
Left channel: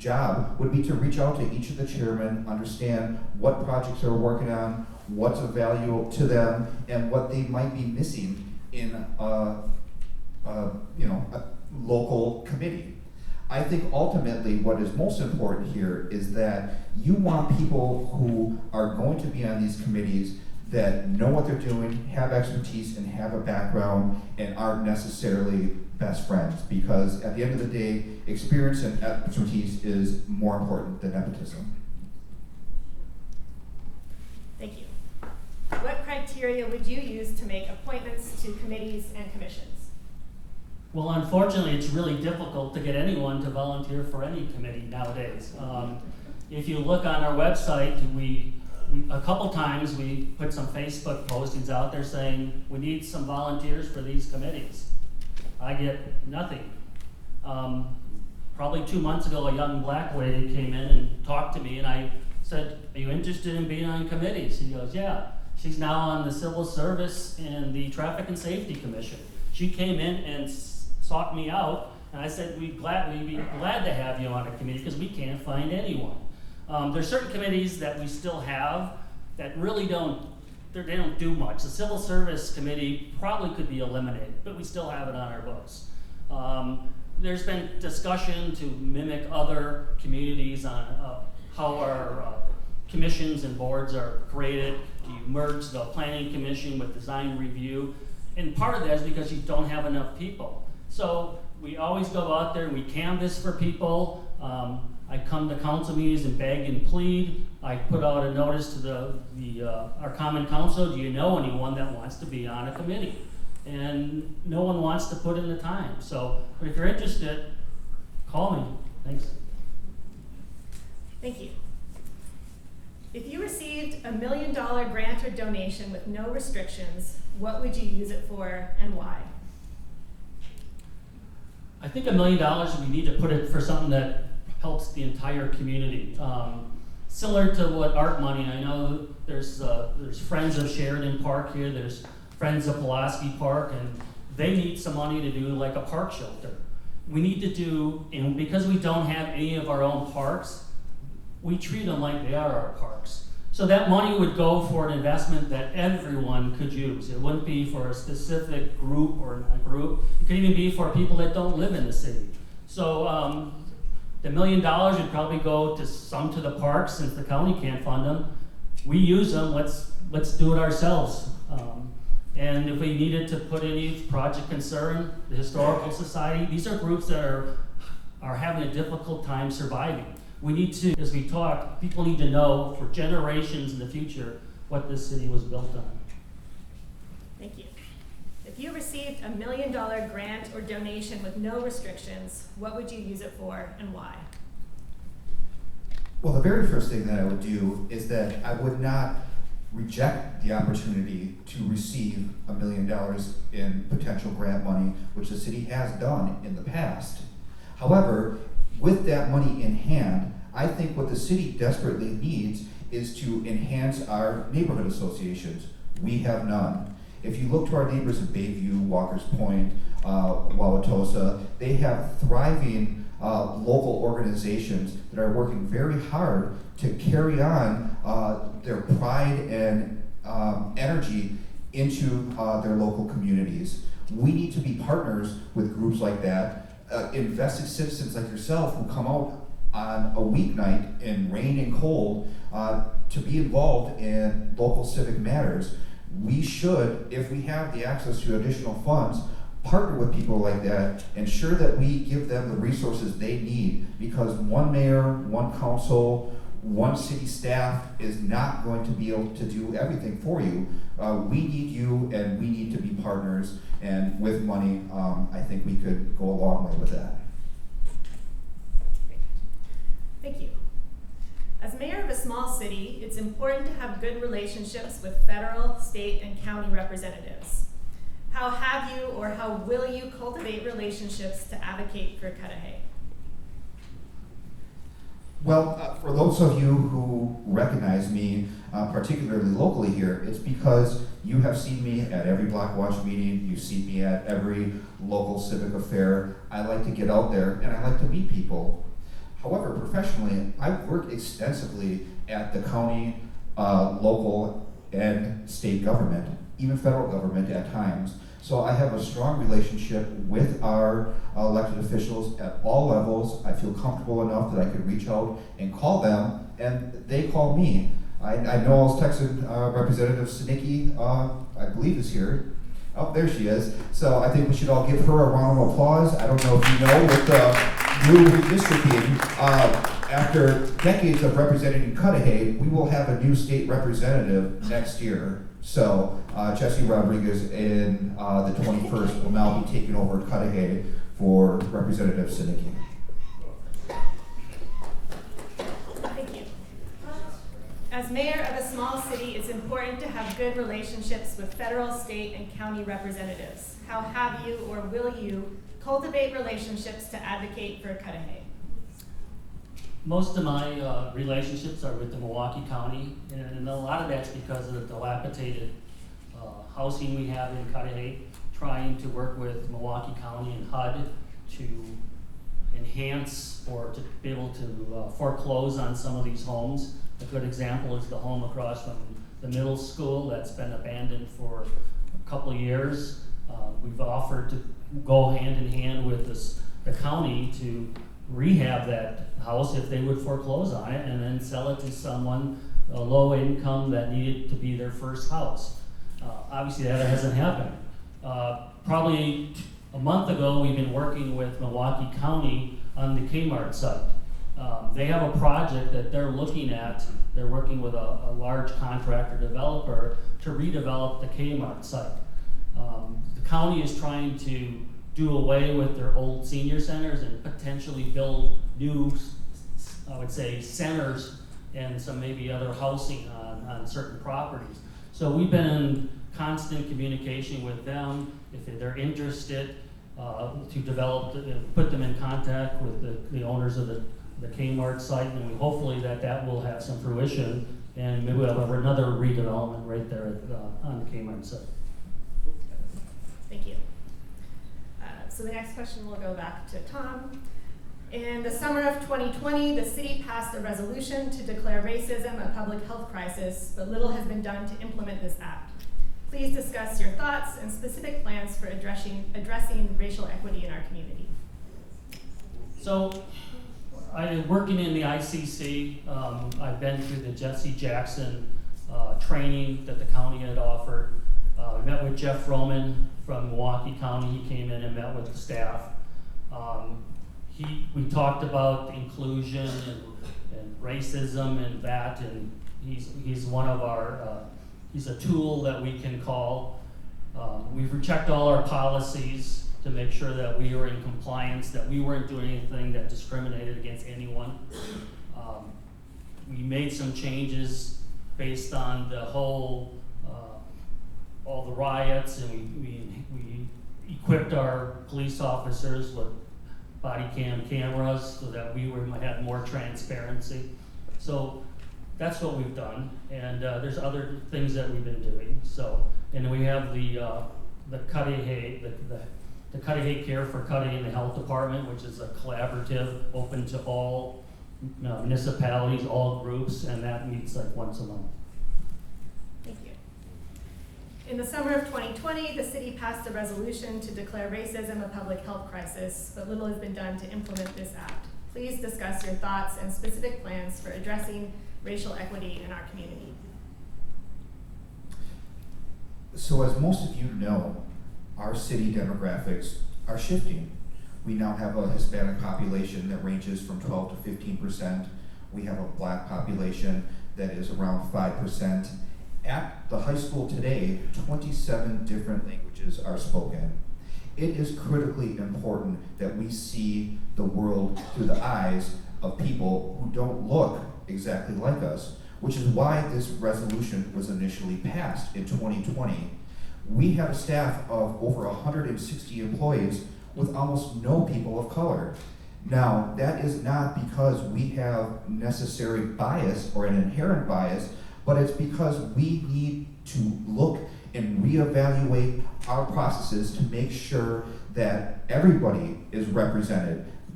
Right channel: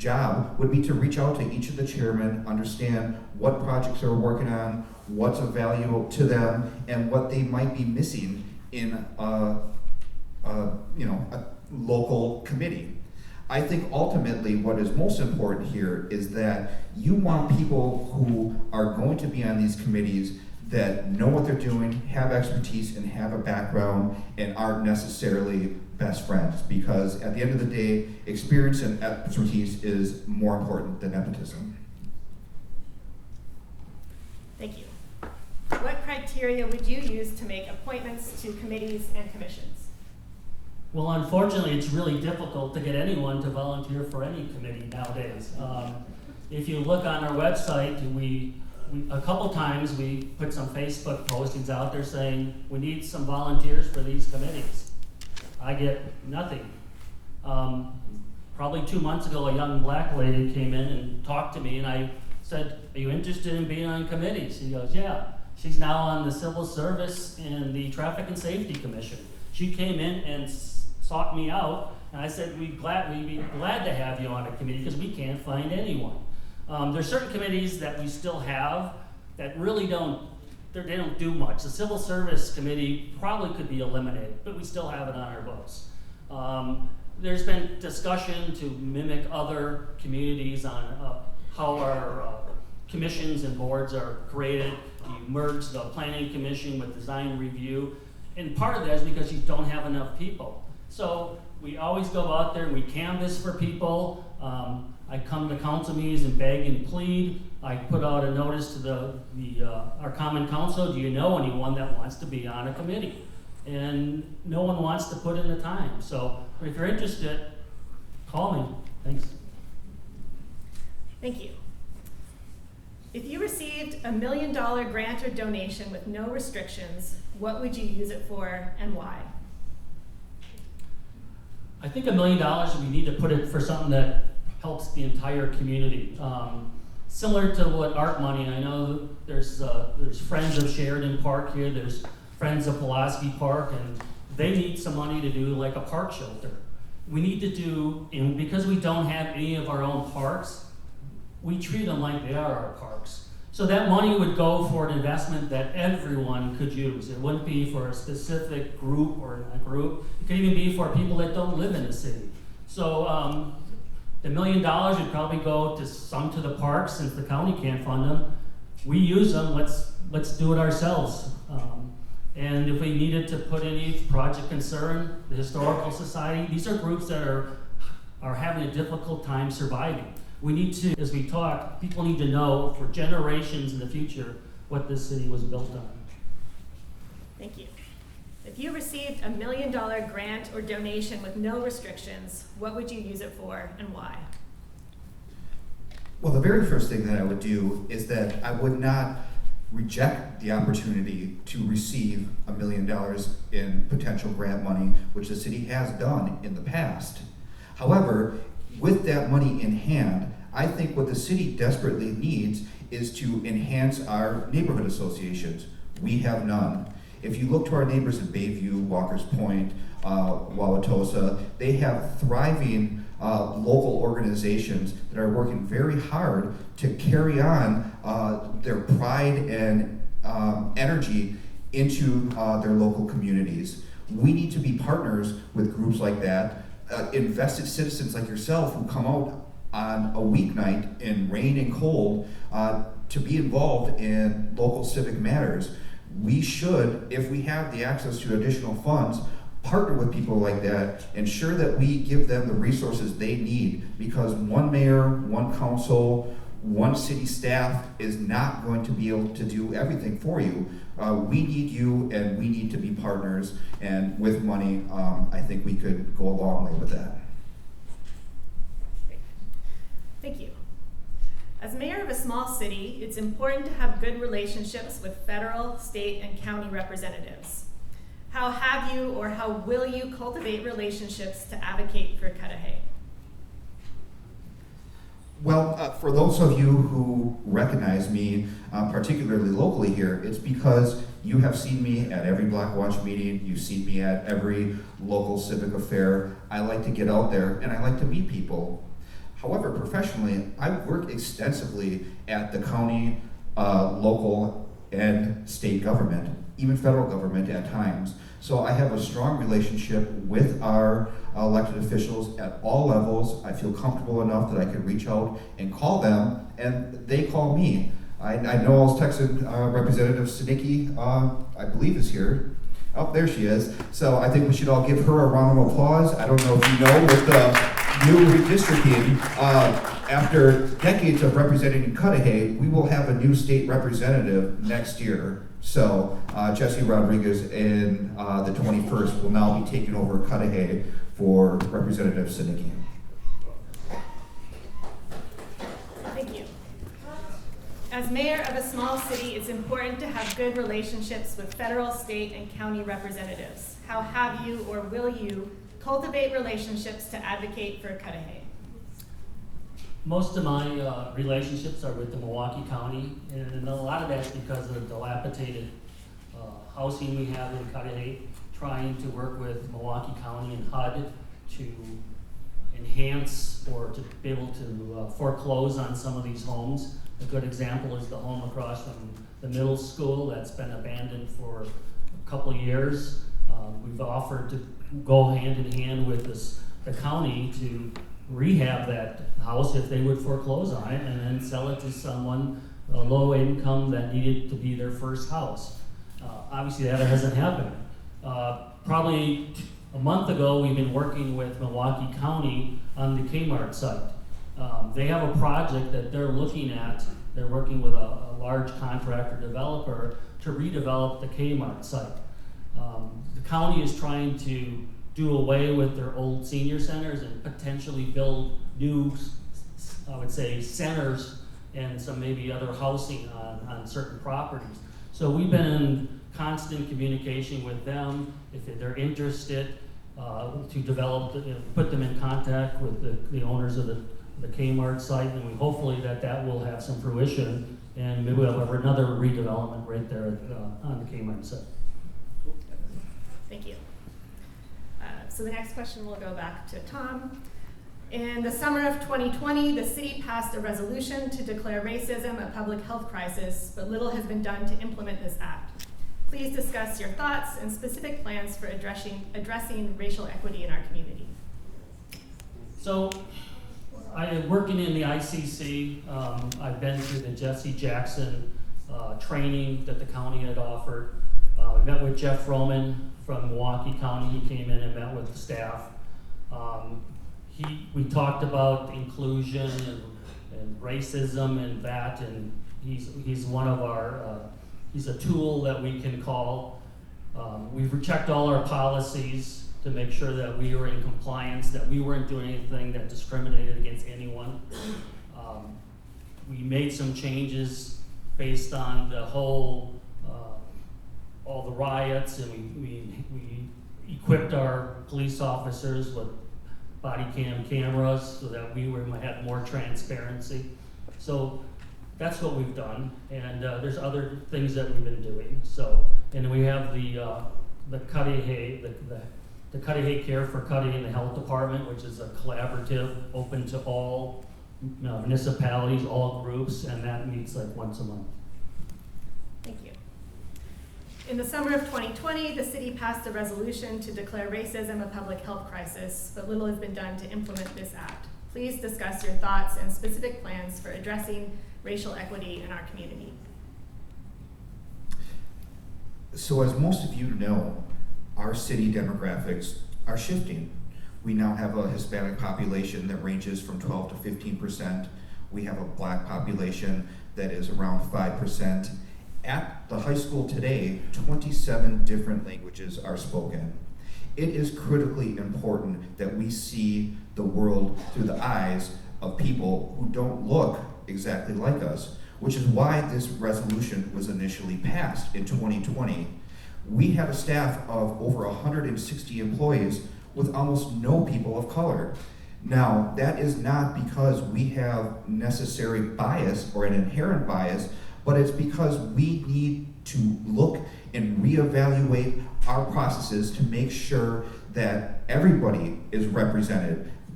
job would be to reach out to each of the chairmen, understand what projects they're working on, what's of value to them, and what they might be missing in a local committee. I think ultimately what is most important here is that you want people who are going to be on these committees that know what they're doing, have expertise, and have a background, and aren't necessarily best friends. Because at the end of the day, experience and expertise is more important than nepotism. Thank you. What criteria would you use to make appointments to committees and commissions? Well, unfortunately, it's really difficult to get anyone to volunteer for any committee nowadays. If you look on our website, a couple times we put some Facebook postings out there saying we need some volunteers for these committees. I get nothing. Probably 2 months ago, a young black lady came in and talked to me, and I said, "Are you interested in being on committees?" She goes, "Yeah." She's now on the Civil Service and the Traffic and Safety Commission. She came in and sought me out, and I said, we'd be glad to have you on a committee because we can't find anyone. There's certain committees that we still have that really don't do much. The Civil Service Committee probably could be eliminated, but we still have it on our books. There's been discussion to mimic other communities on how our commissions and boards are created. Do you merge the Planning Commission with Design Review? And part of that is because you don't have enough people. So we always go out there and we canvass for people. I come to council meetings and beg and plead. I put out a notice to our common council, do you know anyone that wants to be on a committee? And no one wants to put in the time. So if you're interested, call me. Thanks. Thank you. If you received $1 million grant or donation with no restrictions, what would you use it for and why? I think $1 million, we need to put it for something that helps the entire community. Similar to what art money, I know there's Friends of Sheridan Park here, there's Friends of Pulaski Park, and they need some money to do like a park shelter. We need to do, and because we don't have any of our own parks, we treat them like they are our parks. So that money would go for an investment that everyone could use. It wouldn't be for a specific group or a group. It could even be for people that don't live in the city. So the $1 million would probably go to some to the parks since the county can't fund them. We use them, let's do it ourselves. And if we needed to put any Project Concern, the Historical Society, these are groups that are having a difficult time surviving. We need to, as we talk, people need to know for generations in the future what this city was built on. Thank you. If you received $1 million grant or donation with no restrictions, what would you use it for and why? Well, the very first thing that I would do is that I would not reject the opportunity to receive $1 million in potential grant money, which the city has done in the past. However, with that money in hand, I think what the city desperately needs is to enhance our neighborhood associations. We have none. If you look to our neighbors in Bayview, Walker's Point, Wauwatosa, they have thriving local organizations that are working very hard to carry on their pride and energy into their local communities. We need to be partners with groups like that. Invested citizens like yourself who come out on a weeknight in rain and cold to be involved in local civic matters. We should, if we have the access to additional funds, partner with people like that, ensure that we give them the resources they need, because one mayor, one council, one city staff is not going to be able to do everything for you. We need you, and we need to be partners, and with money, I think we could go a long way with that. Thank you. As mayor of a small city, it's important to have good relationships with federal, state, and county representatives. How have you or how will you cultivate relationships to advocate for Cudahy? Well, for those of you who recognize me, particularly locally here, it's because you have seen me at every Block Watch meeting, you've seen me at every local civic affair. I like to get out there and I like to meet people. However, professionally, I work extensively at the county, local, and state government, even federal government at times. So I have a strong relationship with our elected officials at all levels. I feel comfortable enough that I can reach out and call them, and they call me. I know I was texting Representative Sinicki, I believe is here. Oh, there she is. So I think we should all give her a round of applause. I don't know if you know, with the new redistricting, after decades of representing Cudahy, we will have a new state representative next year. So Jesse Rodriguez in the 21st will now be taking over Cudahy for Representative Sinicki. Thank you. As mayor of a small city, it's important to have good relationships with federal, state, and county representatives. How have you or will you cultivate relationships to advocate for Cudahy? Most of my relationships are with the Milwaukee County, and a lot of that's because of the dilapidated housing we have in Cudahy, trying to work with Milwaukee County and HUD to enhance or to be able to foreclose on some of these homes. A good example is the home across from the middle school that's been abandoned for a couple of years. We've offered to go hand in hand with the county to rehab that house if they would foreclose on it and then sell it to someone low income that needed to be their first house. Obviously that hasn't happened. Probably a month ago we've been working with Milwaukee County on the Kmart site. They have a project that they're looking at. They're working with a large contractor developer to redevelop the Kmart site. The county is trying to do away with their old senior centers and potentially build new, I would say, centers and some maybe other housing on certain properties. So we've been in constant communication with them. If they're interested to develop, put them in contact with the owners of the Kmart site, and we hopefully that will have some fruition, and maybe we'll have another redevelopment right there on the Kmart site. Thank you. So the next question will go back to Tom. In the summer of 2020, the city passed a resolution to declare racism a public health crisis, but little has been done to implement this act. Please discuss your thoughts and specific plans for addressing racial equity in our community. So, I'm working in the ICC. I've been through the Jesse Jackson training that the county had offered. We met with Jeff Roman from Milwaukee County. He came in and met with the staff. We talked about inclusion and racism and that, and he's one of our, he's a tool that we can call. We've checked all our policies to make sure that we were in compliance, that we weren't doing anything that discriminated against anyone. We made some changes based on the whole, all the riots, and we equipped our police officers with body cam cameras so that we might have more transparency. So that's what we've done, and there's other things that we've been doing. So, and we have the Cudahy, the Cudahy Care for Cudahy in the Health Department, which is a collaborative, open to all municipalities, all groups, and that meets like once a month. Thank you. In the summer of 2020, the city passed a resolution to declare racism a public health crisis, but little has been done to implement this act. Please discuss your thoughts and specific plans for addressing racial equity in our community. So as most of you know, our city demographics are shifting. We now have a Hispanic population that ranges from 12 to 15%. We have a Black population that is around 5%. At the high school today, 27 different languages are spoken. It is critically important that we see the world through the eyes of people who don't look exactly like us, which is why this resolution was initially passed in 2020. We have a staff of over 160 employees with almost no people of color. Now, that is not because we have necessary bias or an inherent bias, but it's because we need to look and reevaluate our processes to make sure that everybody is represented,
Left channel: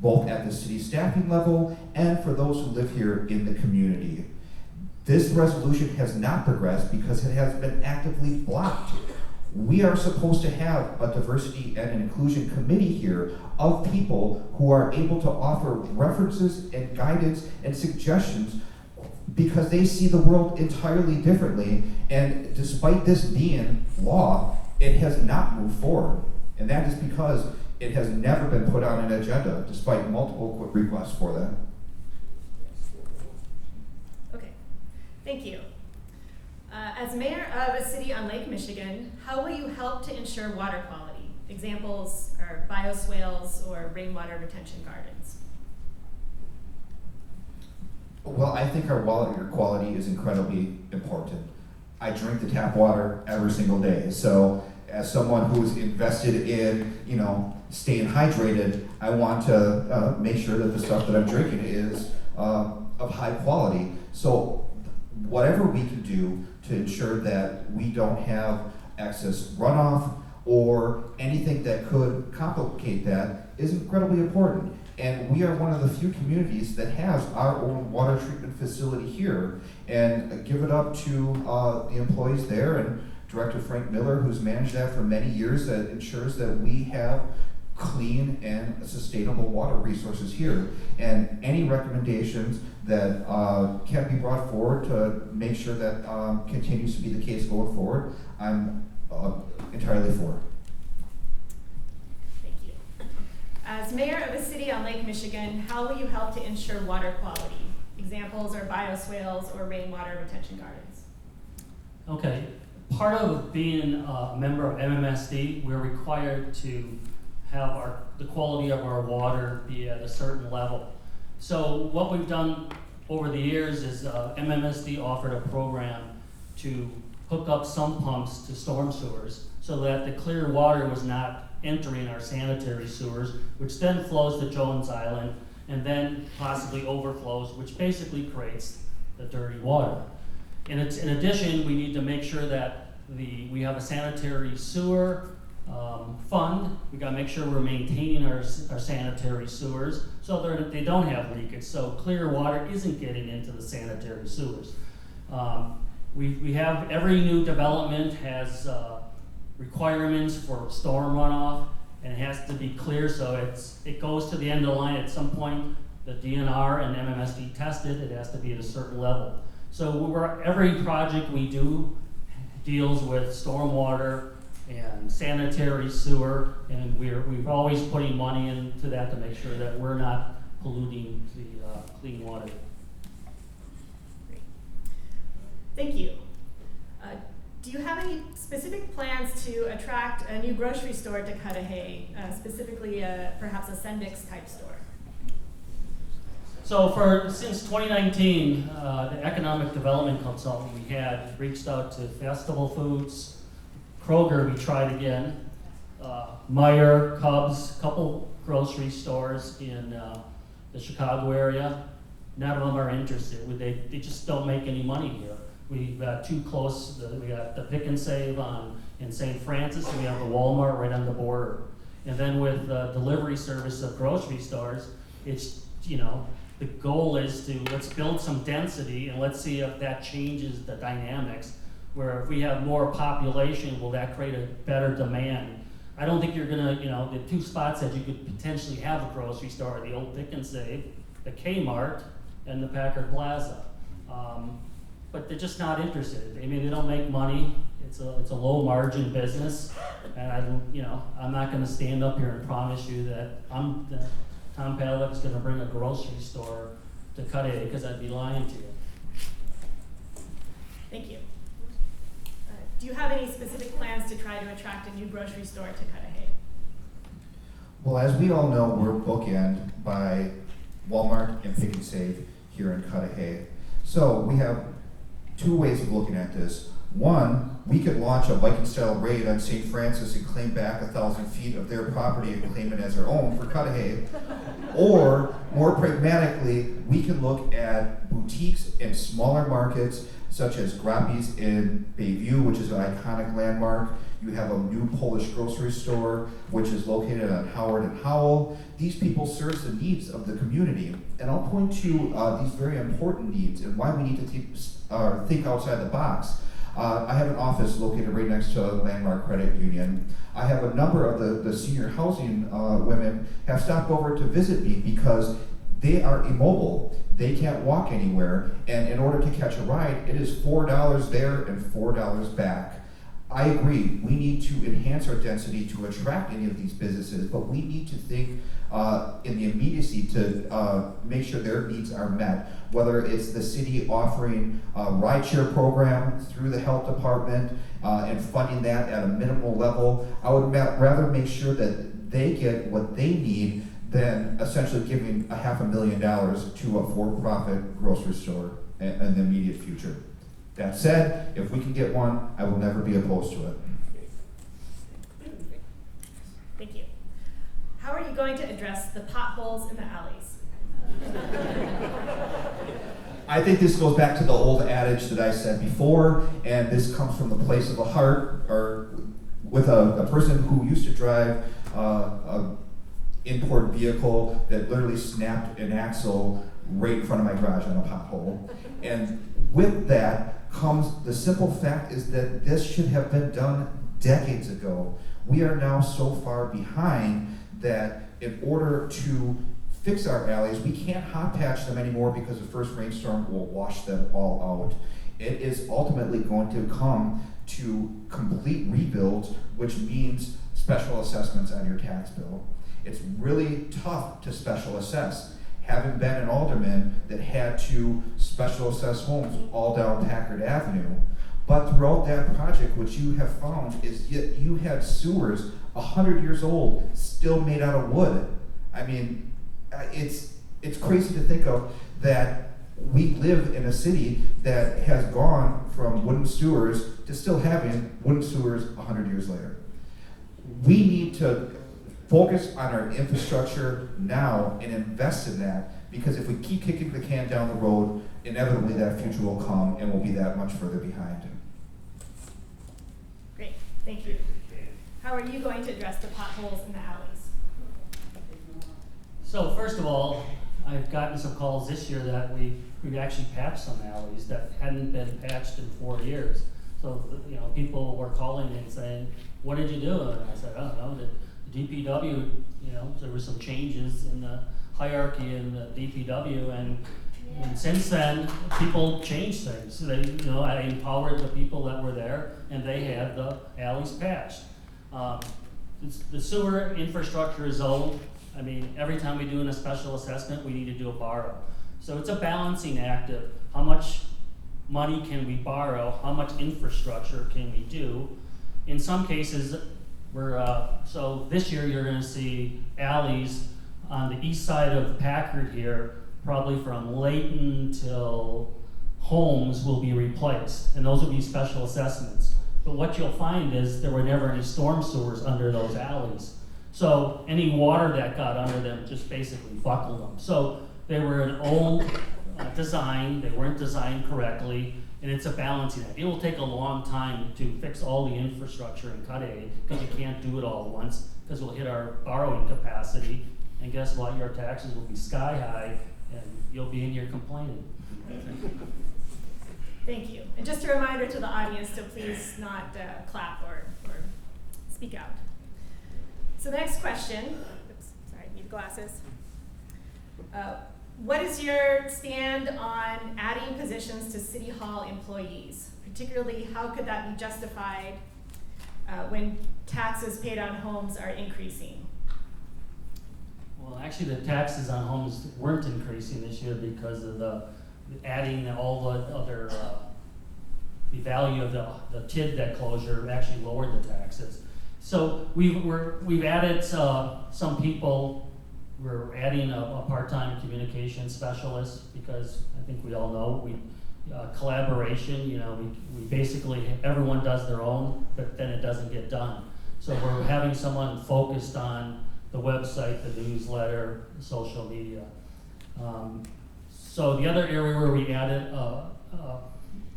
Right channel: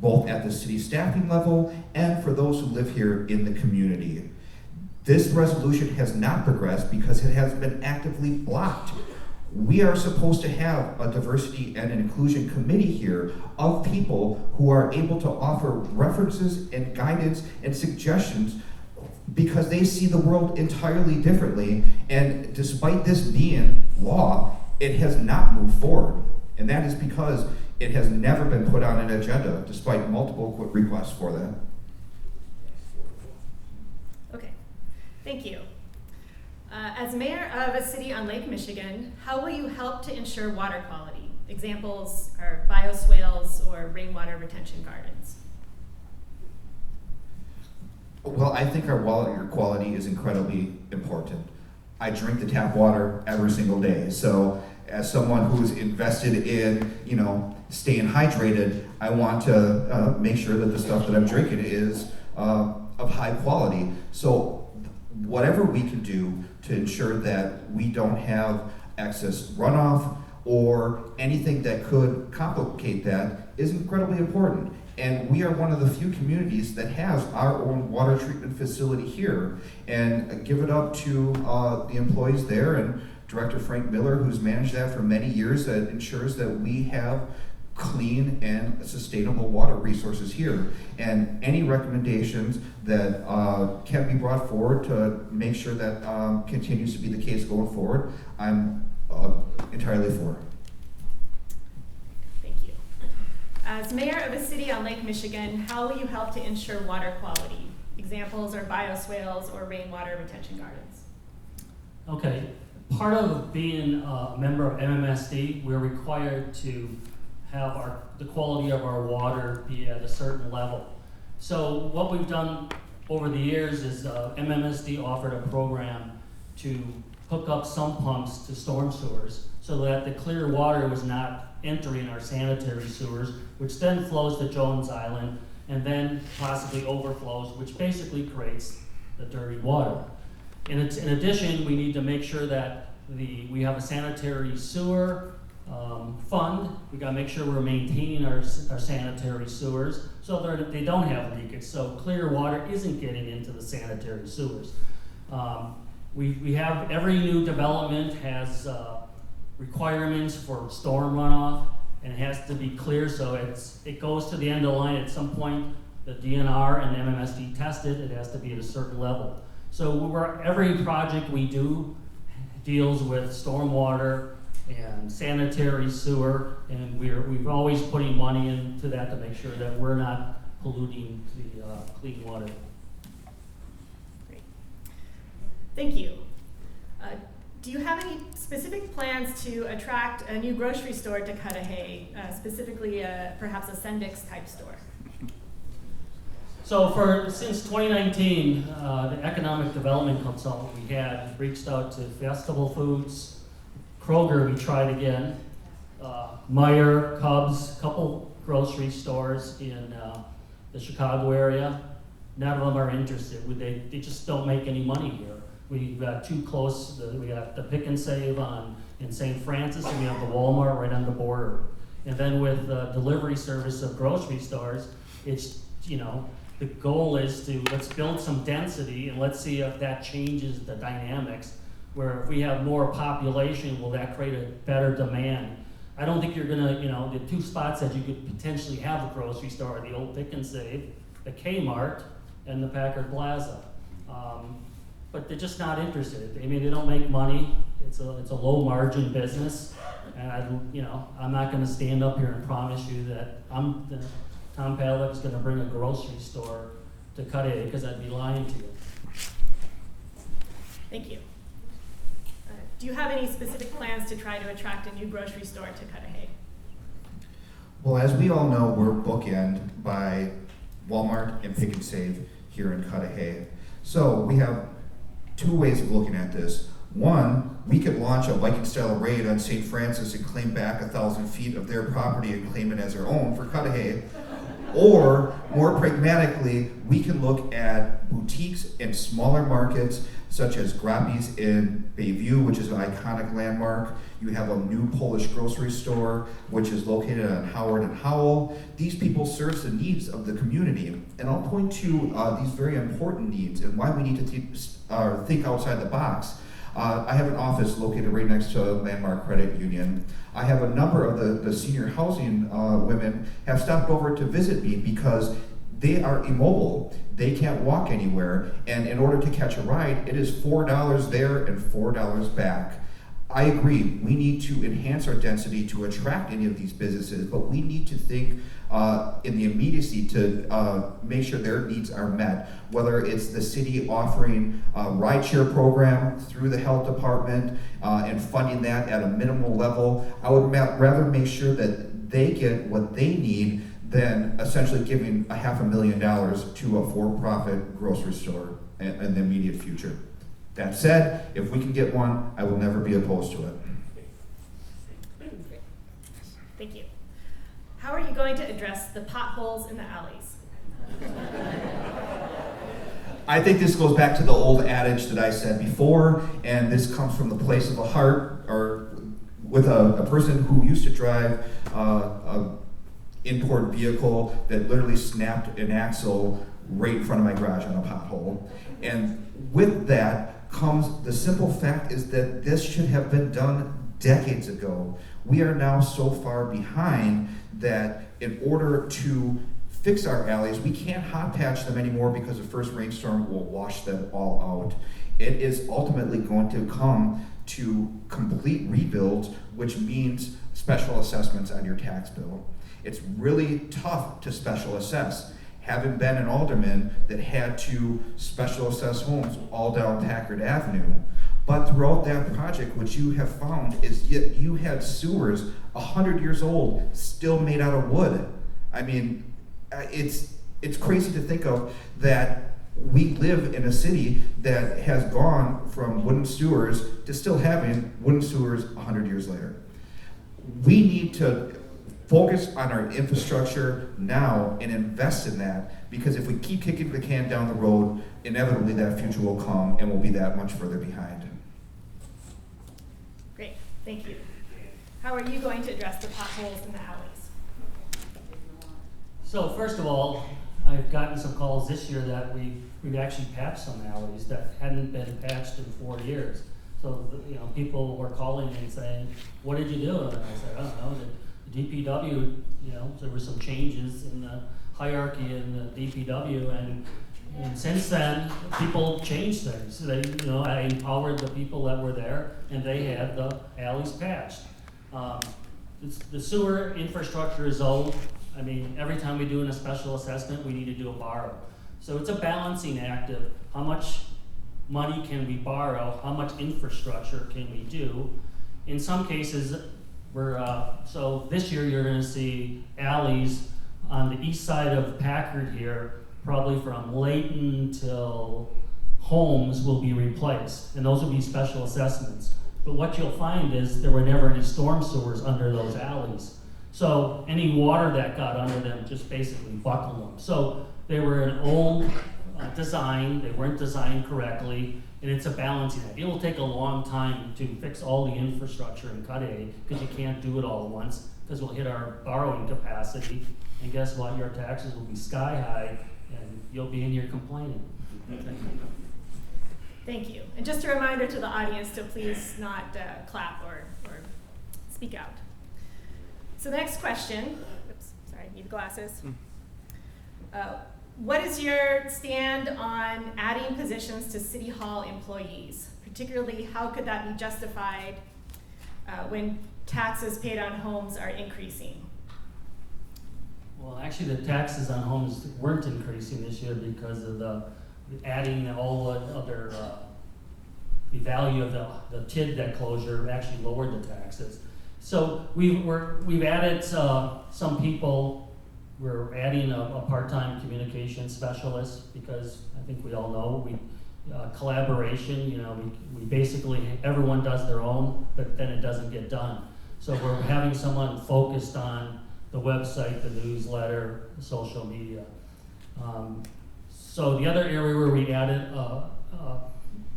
both at the city staffing level and for those who live here in the community. This resolution has not progressed because it has been actively blocked. We are supposed to have a diversity and inclusion committee here of people who are able to offer references and guidance and suggestions because they see the world entirely differently. And despite this being law, it has not moved forward. And that is because it has never been put on an agenda despite multiple requests for that. Okay, thank you. As mayor of a city on Lake Michigan, how will you help to ensure water quality? Examples are bioswales or rainwater retention gardens. Well, I think our water quality is incredibly important. I drink the tap water every single day. So as someone who's invested in, staying hydrated, I want to make sure that the stuff that I'm drinking is of high quality. So whatever we can do to ensure that we don't have excess runoff or anything that could complicate that is incredibly important. And we are one of the few communities that has our own water treatment facility here. And give it up to the employees there and Director Frank Miller, who's managed that for many years, that ensures that we have clean and sustainable water resources here. And any recommendations that can be brought forward to make sure that continues to be the case going forward, I'm entirely for. Thank you. As mayor of a city on Lake Michigan, how will you help to ensure water quality? Examples are bioswales or rainwater retention gardens. Okay, part of being a member of MMSD, we're required to have the quality of our water be at a certain level. So what we've done over the years is MMSD offered a program to hook up some pumps to storm sewers so that the clear water was not entering our sanitary sewers, which then flows to Jones Island and then possibly overflows, which basically creates the dirty water. In addition, we need to make sure that we have a sanitary sewer fund. We got to make sure we're maintaining our sanitary sewers so that they don't have leakage. So clear water isn't getting into the sanitary sewers. We have every new development has requirements for storm runoff, and it has to be clear. So it goes to the end of the line at some point. The DNR and MMSD tested. It has to be at a certain level. So every project we do deals with stormwater and sanitary sewer, and we're always putting money into that to make sure that we're not polluting the clean water. Great. Thank you. Do you have any specific plans to attract a new grocery store to Cudahy, specifically perhaps a Sendix type store? So since 2019, the economic development consultant we had reached out to Festival Foods, Kroger we tried again, Meijer, Cubs, a couple grocery stores in the Chicago area. None of them are interested. They just don't make any money here. We got too close. We got the Pick and Save in St. Francis, and we have the Walmart right on the border. And then with the delivery service of grocery stores, it's, the goal is to let's build some density and let's see if that changes the dynamics. Where if we have more population, will that create a better demand? I don't think you're gonna, the two spots that you could potentially have a grocery store are the old Pick and Save, the Kmart, and the Packard Plaza. But they're just not interested. I mean, they don't make money. It's a low margin business, and I'm not gonna stand up here and promise you that Tom Pavlic's gonna bring a grocery store to Cudahy, because I'd be lying to you. Thank you. Do you have any specific plans to try to attract a new grocery store to Cudahy? Well, as we all know, we're bookend by Walmart and Pick and Save here in Cudahy. So we have two ways of looking at this. One, we could launch a Viking-style raid on St. Francis and claim back 1,000 feet of their property and claim it as our own for Cudahy. Or, more pragmatically, we can look at boutiques and smaller markets, such as Grappi's in Bayview, which is an iconic landmark. You have a new Polish grocery store, which is located on Howard and Howell. These people serve the needs of the community. And I'll point to these very important needs and why we need to think outside the box. I have an office located right next to Landmark Credit Union. I have a number of the senior housing women have stopped over to visit me because they are immobile. They can't walk anywhere, and in order to catch a ride, it is $4 there and $4 back. I agree, we need to enhance our density to attract any of these businesses, but we need to think in the immediacy to make sure their needs are met, whether it's the city offering a rideshare program through the health department and funding that at a minimal level. I would rather make sure that they get what they need than essentially giving $500,000 to a for-profit grocery store in the immediate future. That said, if we can get one, I will never be opposed to it. Thank you. How are you going to address the potholes in the alleys? I think this goes back to the old adage that I said before, and this comes from the place of the heart, or with a person who used to drive a import vehicle that literally snapped an axle right in front of my garage on a pothole. And with that comes the simple fact is that this should have been done decades ago. We are now so far behind that in order to fix our alleys, we can't hot patch them anymore because the first rainstorm will wash them all out. It is ultimately going to come to complete rebuilds, which means special assessments on your tax bill. It's really tough to special assess. Having been an alderman that had to special assess homes all down Packard Avenue, but throughout that project, what you have found is yet you had sewers 100 years old, still made out of wood. I mean, it's crazy to think of that we live in a city that has gone from wooden sewers to still having wooden sewers 100 years later. We need to focus on our infrastructure now and invest in that, because if we keep kicking the can down the road, inevitably that future will come and we'll be that much further behind. Great, thank you. How are you going to address the potholes in the alleys? So first of all, I've gotten some calls this year that we've actually patched some alleys that hadn't been patched in 4 years. So people were calling me and saying, "What did you do?" And I said, "I don't know. The DPW, there were some changes in the hierarchy in the DPW, and since then, people changed things. I empowered the people that were there, and they had the alleys patched. The sewer infrastructure is old. I mean, every time we do a special assessment, we need to do a borrow. So it's a balancing act of how much money can we borrow, how much infrastructure can we do. In some cases, so this year you're going to see alleys on the east side of Packard here, probably from Layton till Holmes will be replaced, and those will be special assessments. But what you'll find is there were never any storm sewers under those alleys. So any water that got under them just basically buckled them. So they were an old design, they weren't designed correctly, and it's a balancing act. It will take a long time to fix all the infrastructure in Cudahy, because you can't do it all at once, because we'll hit our borrowing capacity, and guess what? Your taxes will be sky high, and you'll be in here complaining. Thank you. And just a reminder to the audience to please not clap or speak out. So the next question, oops, sorry, need glasses. What is your stand on adding positions to City Hall employees? Particularly, how could that be justified when taxes paid on homes are increasing? Well, actually, the taxes on homes weren't increasing this year because of the adding all the other, the value of the TID debt closure actually lowered the taxes. So we've added some people. We're adding a part-time communication specialist, because I think we all know collaboration. We basically, everyone does their own, but then it doesn't get done. So we're having someone focused on the website, the newsletter, social media. So the other area where we added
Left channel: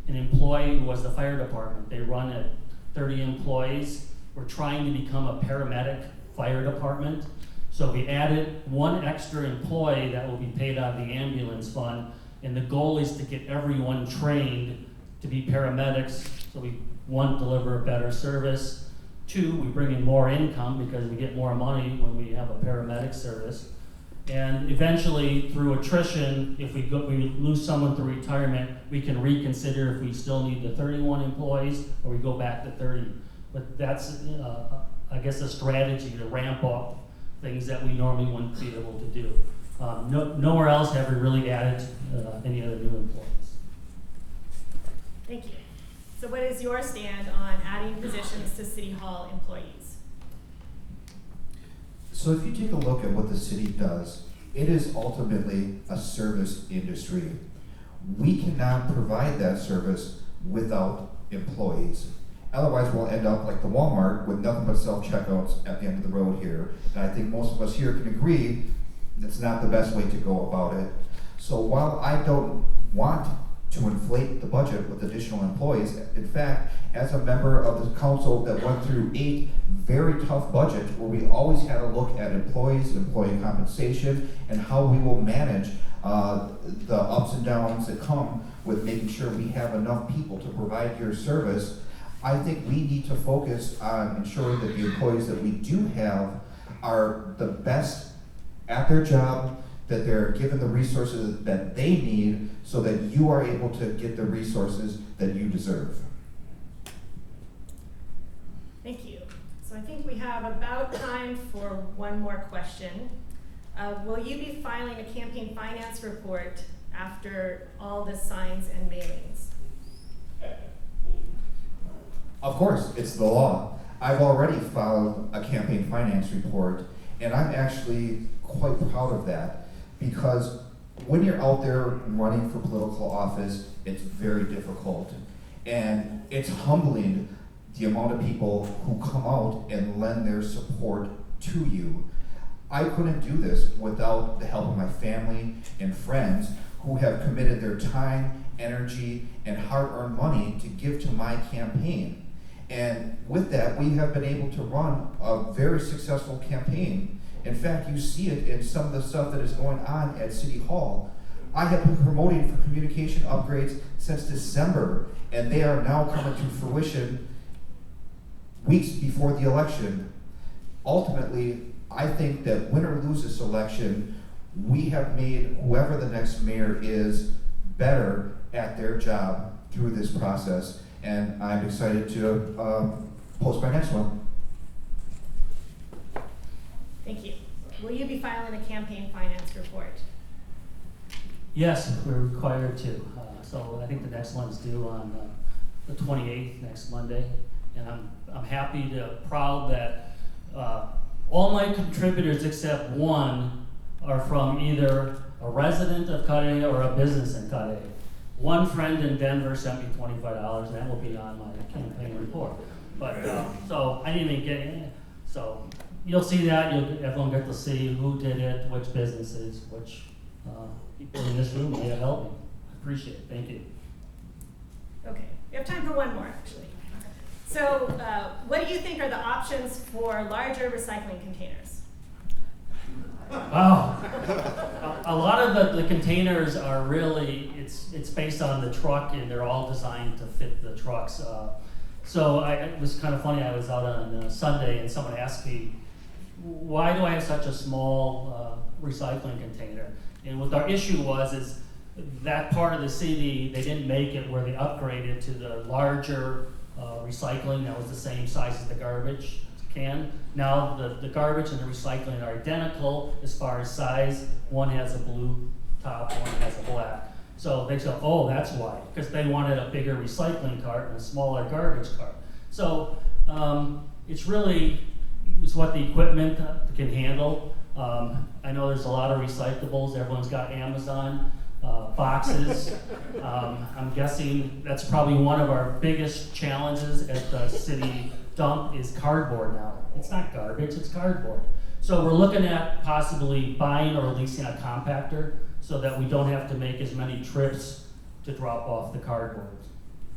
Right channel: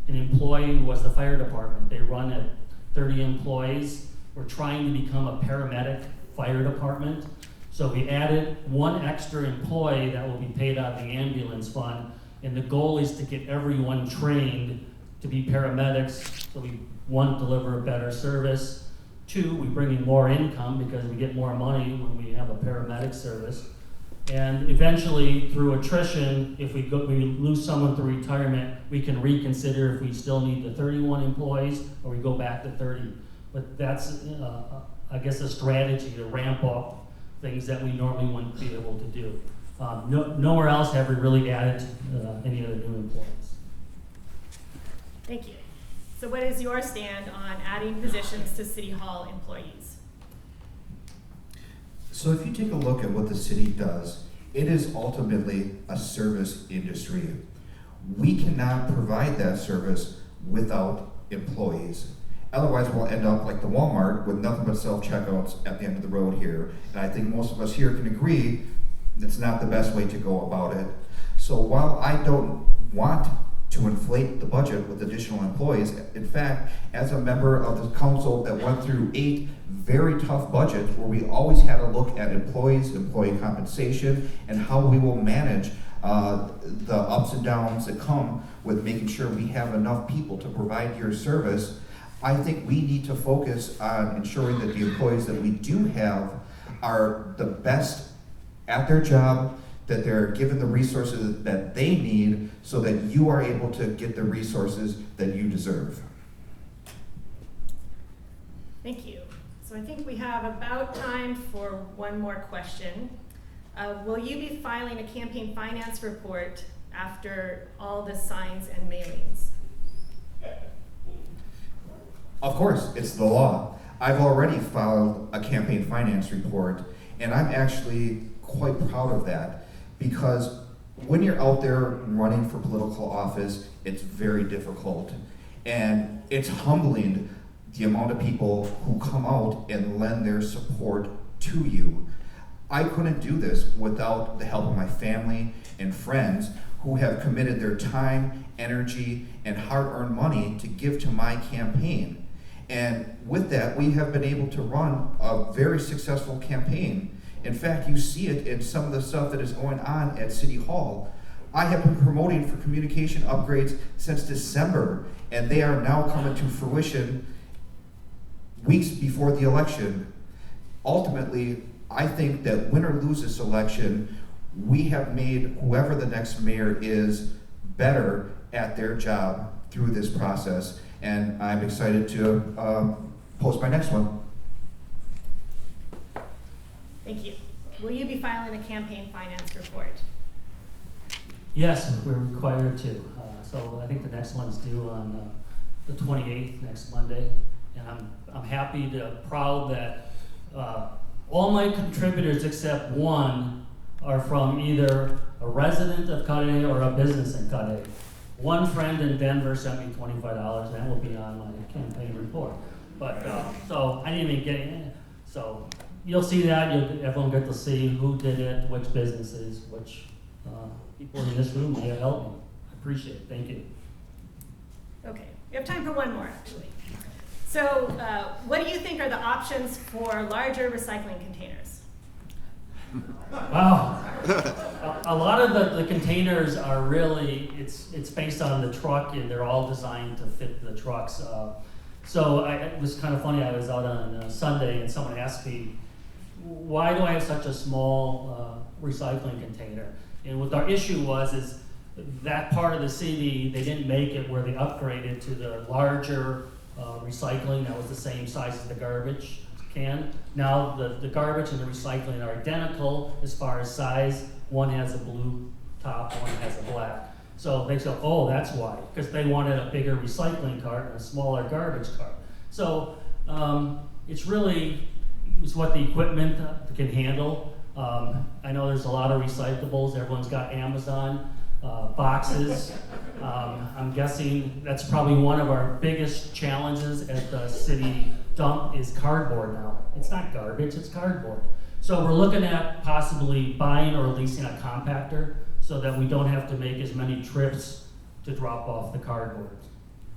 an employee who was the fire department. They run at 30 employees. We're trying to become a paramedic fire department. So we added one extra employee that will be paid out of the ambulance fund. And the goal is to get everyone trained to be paramedics. So we, one, deliver a better service. Two, we bring in more income because we get more money when we have a paramedic service. And eventually, through attrition, if we lose someone through retirement, we can reconsider if we still need the 31 employees or we go back to 30. But that's, I guess, a strategy to ramp up things that we normally wouldn't be able to do. Nowhere else have we really added any other new employees. Thank you. So what is your stand on adding positions to City Hall employees? So if you take a look at what the city does, it is ultimately a service industry. We cannot provide that service without employees. Otherwise, we'll end up like the Walmart with nothing but self-checkouts at the end of the road here. And I think most of us here can agree that's not the best way to go about it. So while I don't want to inflate the budget with additional employees, in fact, as a member of the council that went through 8 very tough budgets where we always had to look at employees, employee compensation, and how we will manage the ups and downs that come with making sure we have enough people to provide your service, I think we need to focus on ensuring that the employees that we do have are the best at their job, that they're given the resources that they need so that you are able to get the resources that you deserve. Thank you. So I think we have about time for one more question. Will you be filing a campaign finance report after all the signs and mailings? Of course, it's the law. I've already filed a campaign finance report, and I'm actually quite proud of that, because when you're out there running for political office, it's very difficult. And it's humbling the amount of people who come out and lend their support to you. I couldn't do this without the help of my family and friends who have committed their time, energy, and hard-earned money to give to my campaign. And with that, we have been able to run a very successful campaign. In fact, you see it in some of the stuff that is going on at City Hall. I have been promoting for communication upgrades since December, and they are now coming to fruition weeks before the election. Ultimately, I think that win or lose this election, we have made whoever the next mayor is better at their job through this process, and I'm excited to post my next one. Thank you. Will you be filing a campaign finance report? Yes, we're required to. So I think the next one's due on the 28th, next Monday. And I'm happy proud that all my contributors except one are from either a resident of Cudahy or a business in Cudahy. One friend in Denver sent me $25, and that will be on my campaign report. But so I didn't even get it. So you'll see that. Everyone get to see who did it, which businesses, which people in this room may have helped me. I appreciate it. Thank you. Okay, we have time for one more, actually. So what do you think are the options for larger recycling containers? Wow. A lot of the containers are really, it's based on the truck, and they're all designed to fit the trucks. So it was kind of funny, I was out on Sunday and someone asked me, why do I have such a small recycling container? And what our issue is that part of the city, they didn't make it where they upgraded to the larger recycling that was the same size as the garbage can. Now the garbage and the recycling are identical as far as size. One has a blue top, one has a black. So they said, oh, that's why, because they wanted a bigger recycling cart and a smaller garbage cart. So it's what the equipment can handle. I know there's a lot of recyclables. Everyone's got Amazon boxes. I'm guessing that's probably one of our biggest challenges at the city dump is cardboard now. It's not garbage, it's cardboard. So we're looking at possibly buying or leasing a compactor so that we don't have to make as many trips to drop off the cardboard.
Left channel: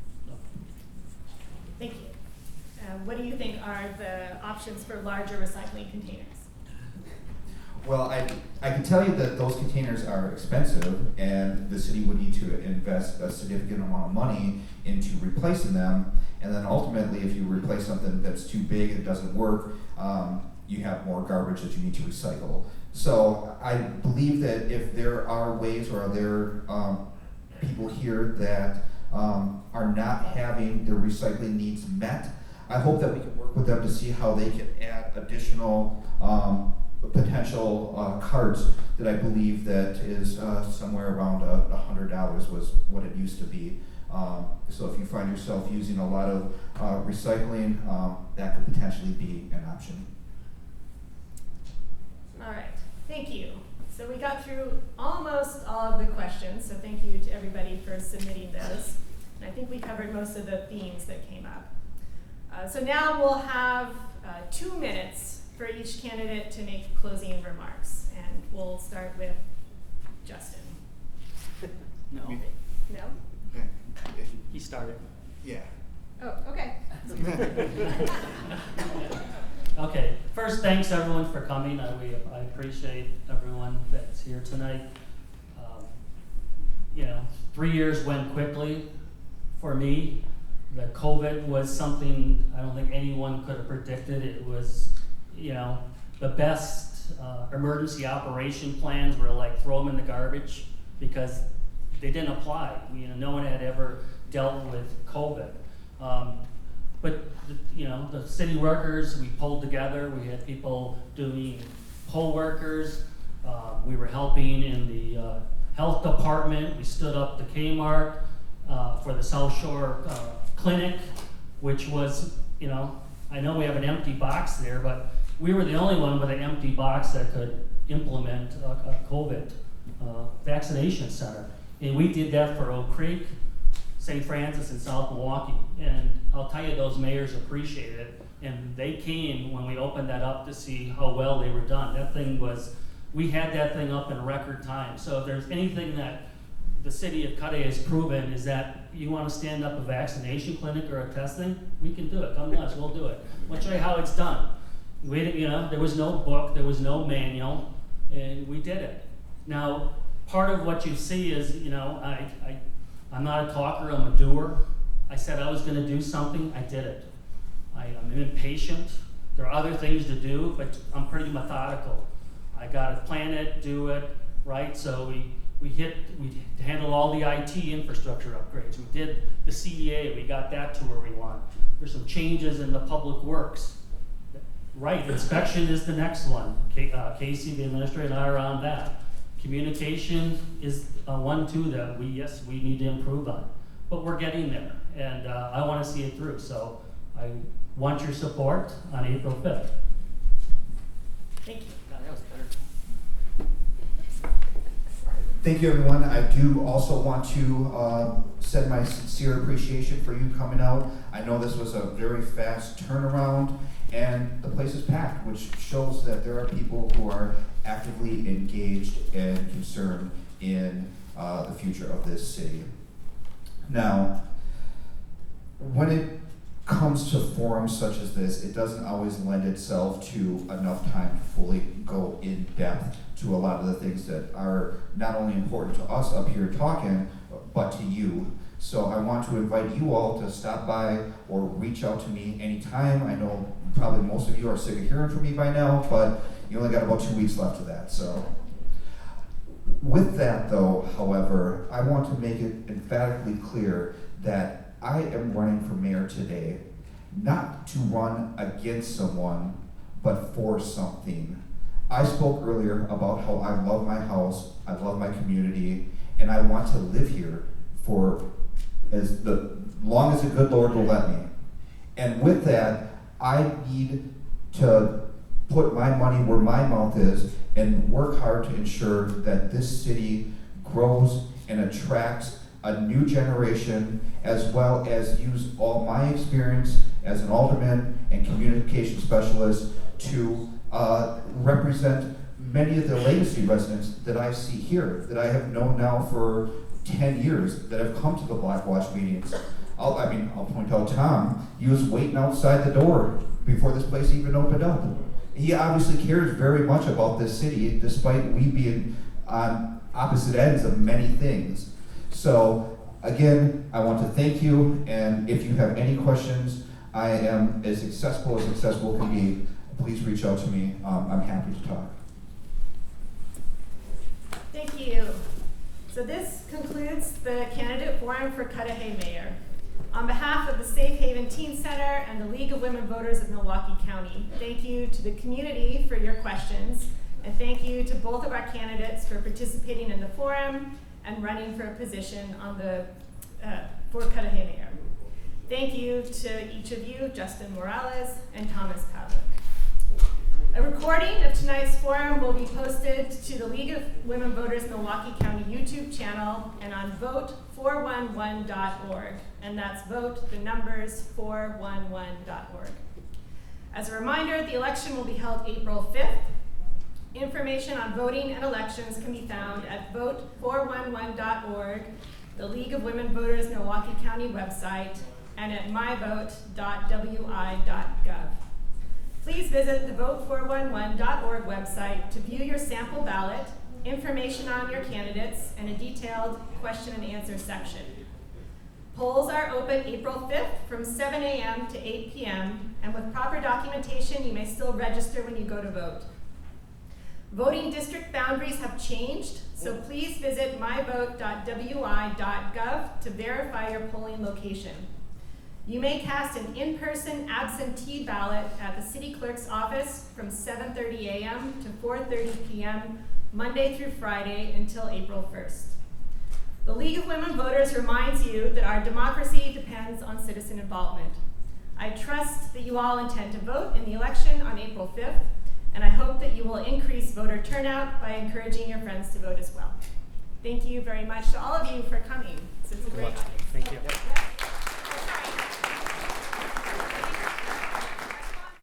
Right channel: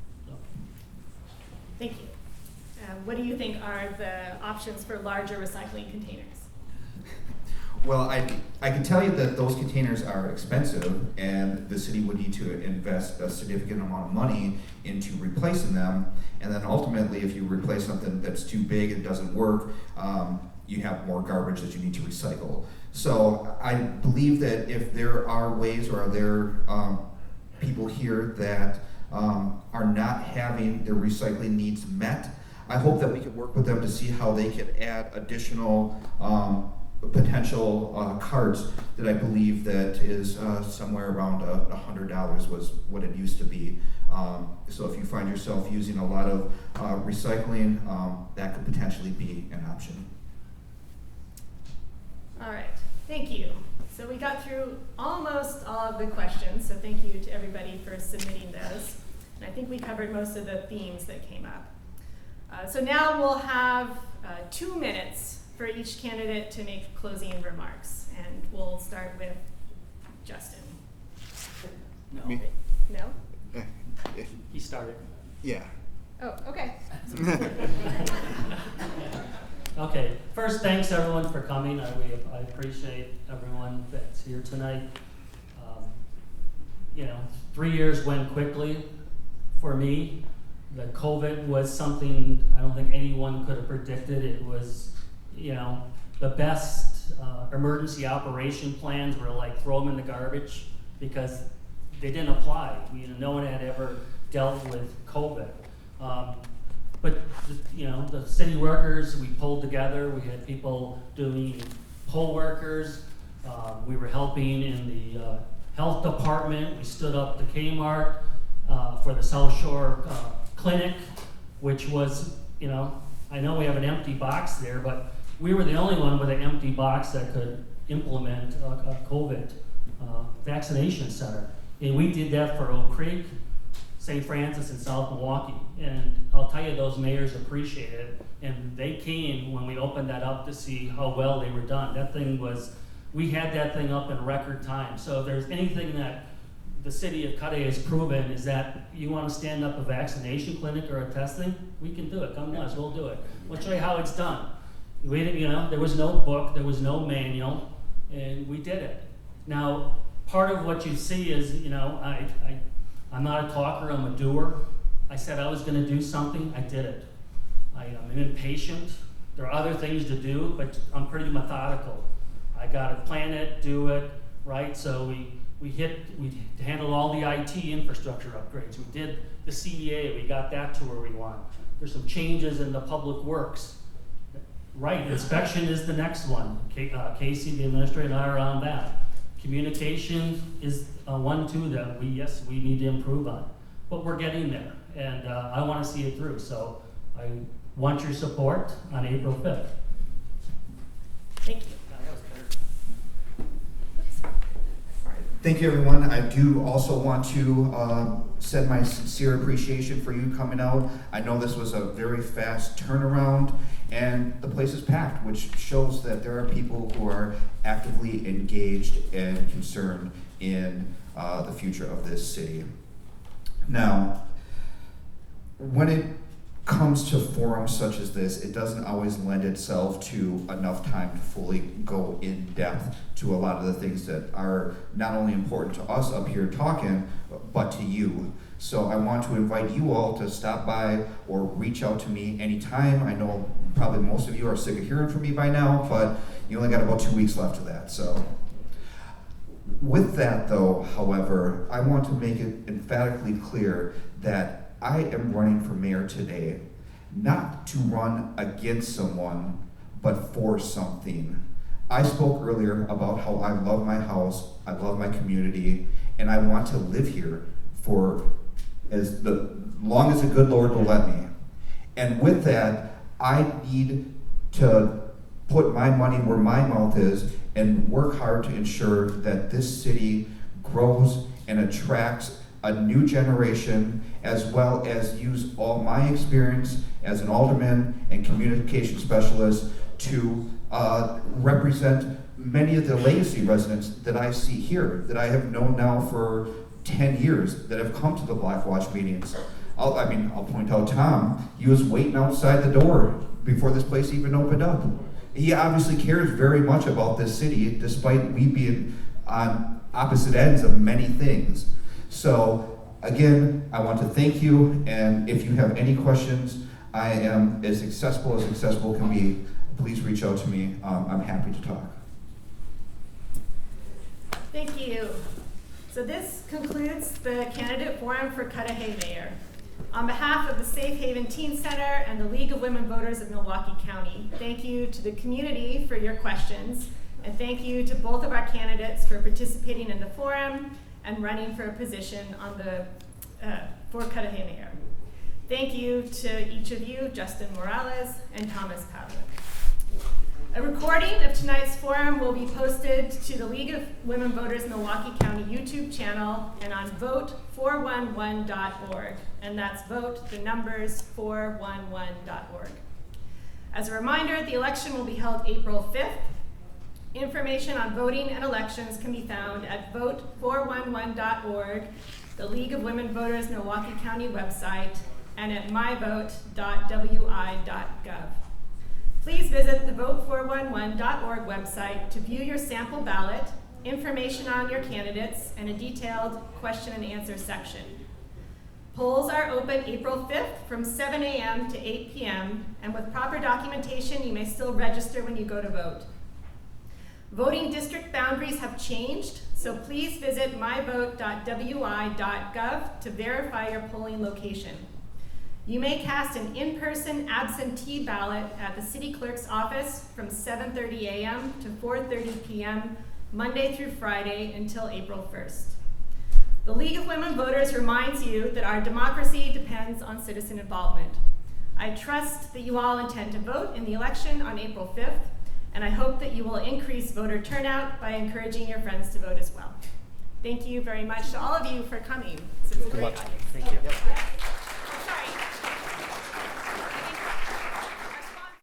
Thank you. What do you think are the options for larger recycling containers? Well, I can tell you that those containers are expensive, and the city would need to invest a significant amount of money into replacing them. And then ultimately, if you replace something that's too big and doesn't work, you have more garbage that you need to recycle. So I believe that if there are ways, or are there people here that are not having their recycling needs met, I hope that we can work with them to see how they can add additional potential carts that I believe that is somewhere around $100 was what it used to be. So if you find yourself using a lot of recycling, that could potentially be an option. All right, thank you. So we got through almost all of the questions, so thank you to everybody for submitting those. And I think we covered most of the themes that came up. So now we'll have 2 minutes for each candidate to make closing remarks. And we'll start with Justin. No, Me? No? he started. Yeah. Oh, okay. Okay, first, thanks everyone for coming. I appreciate everyone that's here tonight. 3 years went quickly for me. The COVID was something I don't think anyone could have predicted. It was, the best emergency operation plans were like throw them in the garbage because they didn't apply. No one had ever dealt with COVID. But the city workers, we pulled together. We had people doing poll workers. We were helping in the health department. We stood up the Kmart for the South Shore Clinic, which was, I know we have an empty box there, but we were the only one with an empty box that could implement a COVID vaccination center. And we did that for Oak Creek, St. Francis, and South Milwaukee. And I'll tell you, those mayors appreciated it. And they came when we opened that up to see how well they were done. We had that thing up in record time. So if there's anything that the city of Cudahy has proven is that you want to stand up a vaccination clinic or a testing, we can do it. Come to us, we'll do it. We'll show you how it's done. There was no book, there was no manual, and we did it. Now, part of what you see is, I'm not a talker, I'm a doer. I said I was going to do something, I did it. I'm impatient. There are other things to do, but I'm pretty methodical. I got to plan it, do it, right? So we handled all the IT infrastructure upgrades. We did the CDA, we got that to where we want. There's some changes in the public works. Right, inspection is the next one. Casey, the administrator, and I are on that. Communication is one, too, that we need to improve on. But we're getting there, and I want to see it through. So I want your support on April 5th. Thank you. Thank you, everyone. I do also want to send my sincere appreciation for you coming out. I know this was a very fast turnaround, and the place is packed, which shows that there are people who are actively engaged and concerned in the future of this city. Now, when it comes to forums such as this, it doesn't always lend itself to enough time to fully go in depth to a lot of the things that are not only important to us up here talking, but to you. So I want to invite you all to stop by or reach out to me anytime. I know probably most of you are sick of hearing from me by now, but you only got about 2 weeks left of that. So with that though, however, I want to make it emphatically clear that I am running for mayor today, not to run against someone, but for something. I spoke earlier about how I love my house, I love my community, and I want to live here for as long as the good Lord will let me. And with that, I need to put my money where my mouth is and work hard to ensure that this city grows and attracts a new generation, as well as use all my experience as an alderman and communication specialist to represent many of the legacy residents that I see here, that I have known now for 10 years, that have come to the Black Watch meetings. I'll point out Tom, he was waiting outside the door before this place even opened up. He obviously cares very much about this city, despite we being on opposite ends of many things. So, again, I want to thank you, and if you have any questions, I am as accessible can be. Please reach out to me. I'm happy to talk. Thank you. So this concludes the candidate forum for Cudahy Mayor. On behalf of the Safe Haven Teen Center and the League of Women Voters of Milwaukee County, thank you to the community for your questions, and thank you to both of our candidates for participating in the forum and running for a position on the for Cudahy Mayor. Thank you to each of you, Justin Moralez and Thomas Pavlic. A recording of tonight's forum will be posted to the League of Women Voters Milwaukee County YouTube channel and on vote411.org, and that's vote the numbers 411.org. As a reminder, the election will be held April 5th. Information on voting and elections can be found at vote411.org, the League of Women Voters Milwaukee County website, and at myvote.wi.gov. Please visit the vote411.org website to view your sample ballot, information on your candidates, and a detailed question and answer section. Polls are open April 5th from 7 a.m. to 8 p.m., and with proper documentation, you may still register when you go to vote. Voting district boundaries have changed, so please visit myvote.wi.gov to verify your polling location. You may cast an in-person absentee ballot at the city clerk's office from 7:30 a.m. to 4:30 p.m. Monday through Friday until April 1st. The League of Women Voters reminds you that our democracy depends on citizen involvement. I trust that you all intend to vote in the election on April 5th, and I hope that you will increase voter turnout by encouraging your friends to vote as well. Thank you very much to all of you for coming. This is a great audience. Thank you.